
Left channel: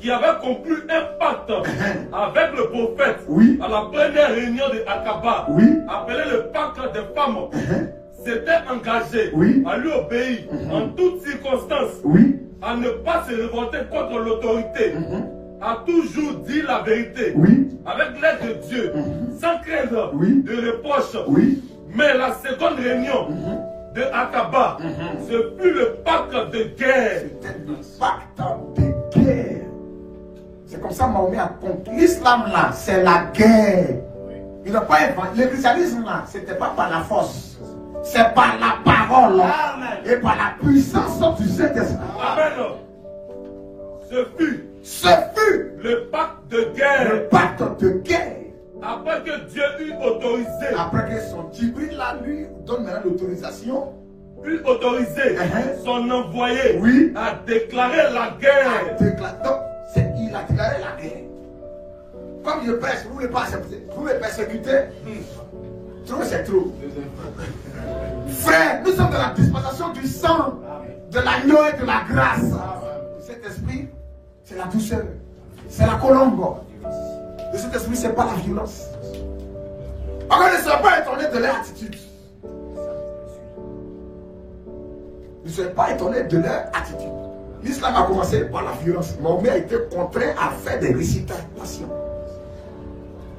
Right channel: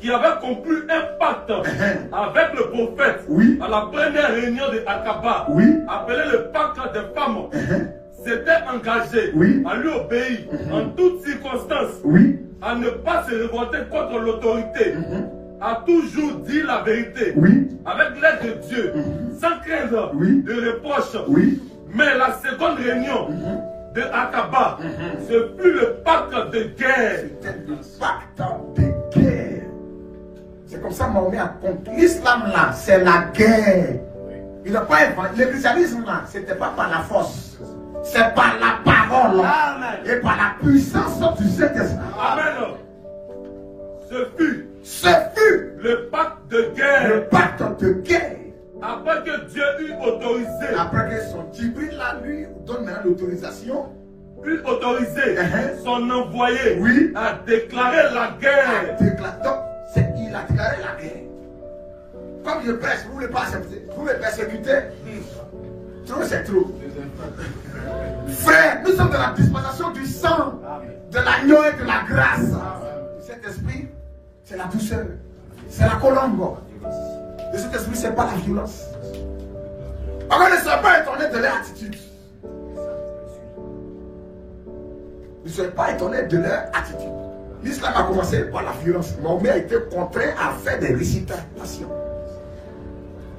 qui avaient conclu un pacte avec le prophète à la première réunion de Akaba, appelé le pacte des femmes, s'étaient engagés à lui obéir en toutes circonstances, à ne pas se révolter contre l'autorité, a toujours dit la vérité, avec l'aide de Dieu, sans craindre de reproches. Mais la seconde réunion de Akaba, ce fut le pacte de guerre. C'était le pacte de guerre. C'est comme ça que Mahomet a compris. L'islam là, c'est la guerre. Il n'a pas inventé. Le christianisme là, c'était pas par la force. C'est par la parole et par la puissance du Saint-Esprit. Amen. Ce fut le pacte de guerre. Le pacte de guerre. Après que Dieu eut autorisé. Après que son Djibril là, lui, donne maintenant l'autorisation. Eut autorisé son envoyé à déclarer la guerre. Donc, il a déclaré la guerre. comme je prêche, vous ne voulez pas accepter. Vous me persécutez. Trop, c'est trop. Frère, nous sommes dans la dispensation du sang, de l'agneau et de la grâce. Cet esprit, c'est la douceur. C'est la colombe. De cet esprit, c'est pas la violence. Alors ne soyez pas étonnés de leur attitude. Ne soyez pas étonnés de leur attitude. L'islam a commencé par la violence. Mahomet a été contraint à faire des récitations.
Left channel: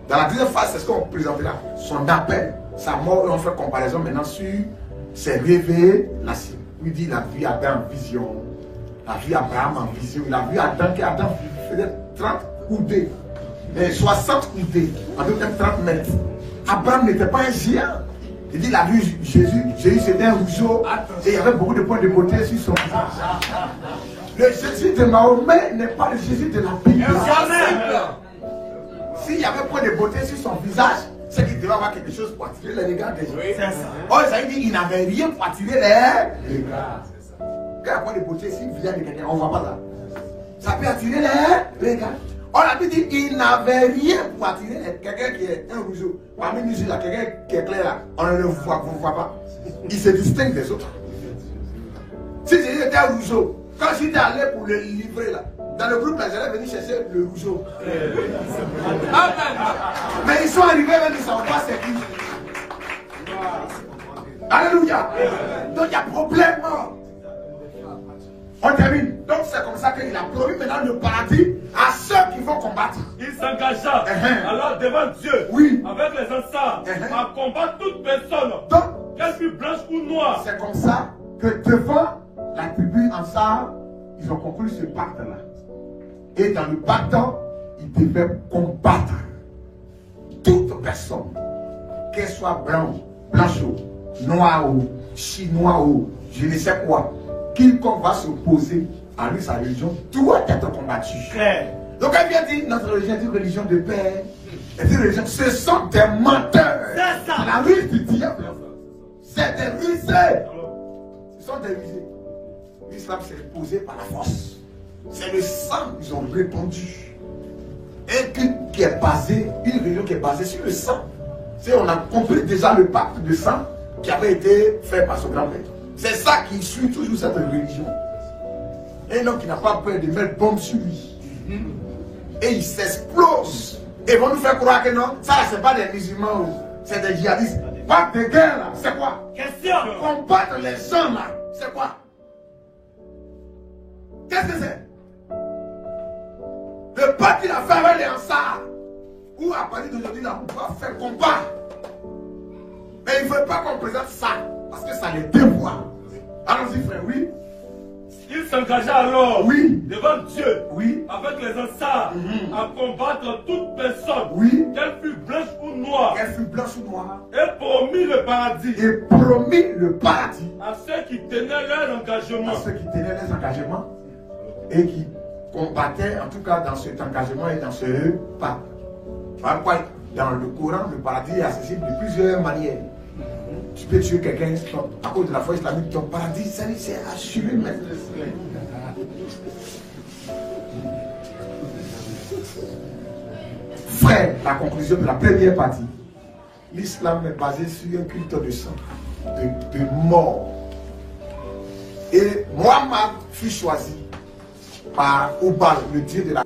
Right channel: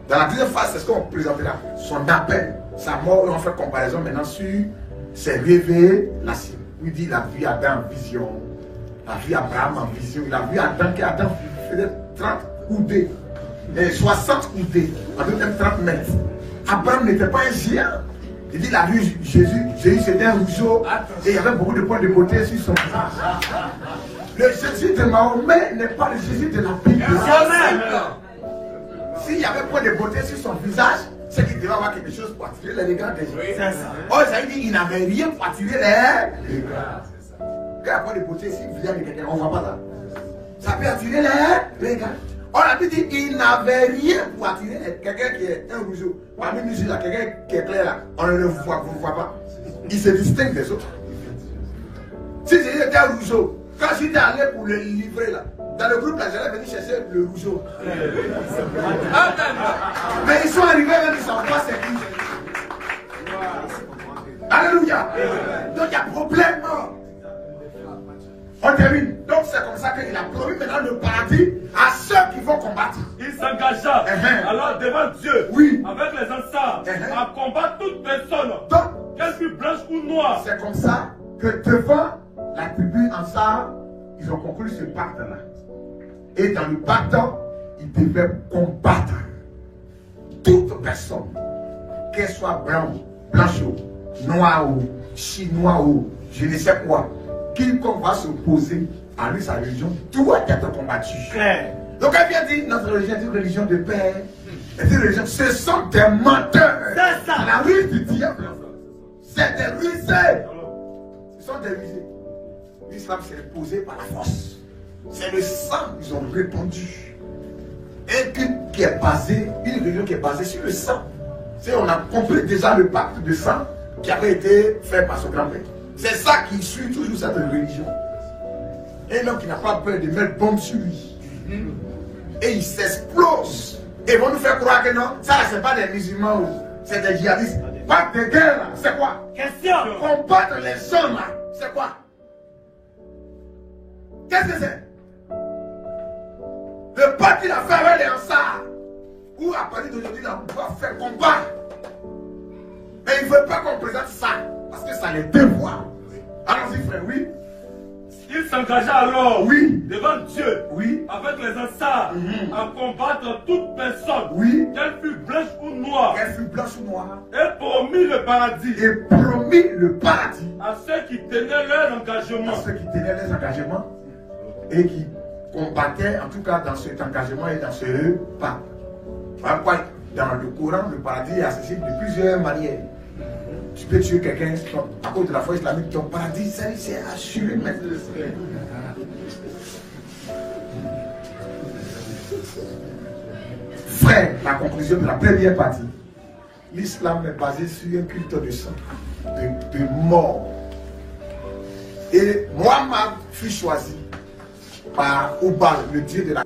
Dans la deuxième phase, c'est ce qu'on présentera. Son appel, sa mort, et on fait comparaison maintenant sur ses révélations. Il dit, il a vu Adam en vision. Il a vu Abraham en vision. Il a vu Adam, qui Adam faisait 30 coudées. 60 coudées. En d'autres termes, 30 mètres. Abraham n'était pas un géant. Il dit, il a vu Jésus. Jésus, c'était un rousseau. Et il y avait beaucoup de points de beauté sur son visage. Le Jésus de Mahomet n'est pas le Jésus de la Bible. S'il y avait point de beauté sur son visage, c'est qu'il devait avoir quelque chose pour attirer les regards des gens. Oh, ça veut dire qu'il n'avait rien pour attirer les regards. Quand il y a point de beauté sur le visage de quelqu'un, on ne voit pas ça. Ça peut attirer les regards. On a dit qu'il n'avait rien pour attirer quelqu'un qui est un rousseau. Parmi nous, là, quelqu'un qui est clair là, on ne le voit pas. Il se distingue des autres. Si Jésus était un rousseau, quand j'étais allé pour le livrer là, dans le groupe là, j'allais venir chercher le rousseau. Mais ils sont arrivés même, ils ne savent pas c'est qui. Alléluia. Donc il y a problème. On termine. Donc c'est comme ça qu'il a promis maintenant le paradis à ceux qui vont combattre. Il s'engagea alors devant Dieu, avec les ancêtres, à combattre toute personne, qu'elle fût blanche ou noire. C'est comme ça que devant la tribu Ansar, ils ont conclu ce pacte-là. Et dans le pacte, ils devaient combattre toute personne, qu'elle soit blanche, noire, chinois, je ne sais quoi, quiconque va s'opposer à lui, sa religion, doit être combattu. Donc elle vient dire, notre religion est une religion de paix. Ce sont des menteurs. C'est ça. La ruse du diable. C'est des rusés. Ce sont des rusés. L'islam s'est imposé par la force. C'est le sang qu'ils ont répandu. Et qui est basé, une religion qui est basée sur le sang. On a compris déjà le pacte de sang qui avait été fait par son grand-père. C'est ça qui suit toujours cette religion. Et donc il n'a pas peur de mettre bombe sur lui. Et il s'explose. Et ils vont nous faire croire que non, ça c'est pas des musulmans, c'est des djihadistes. Pacte de guerre là, c'est quoi? Question. Combattre les gens là, c'est quoi? Qu'est-ce que c'est? Le pacte qu'il a fait avec les Ansar, où à partir d'aujourd'hui là, on doit faire combat. Mais il ne veut pas qu'on présente ça, parce que ça les dévoile. Allons-y frère, oui. Il s'engagea alors devant Dieu, avec les Ansar, à combattre toute personne, qu'elle fût blanche ou noire, et promit le paradis, à ceux qui tenaient leur engagement, et qui combattaient en tout cas dans cet engagement et dans ce pas. Dans le Coran, le paradis est accessible de plusieurs manières. Tu peux tuer quelqu'un à cause de la foi islamique, ton paradis, c'est assuré même. Frère, la conclusion de la première partie, l'islam est basé sur un culte de sang, de mort. Et Mohammed fut choisi par Oubal, le dieu de la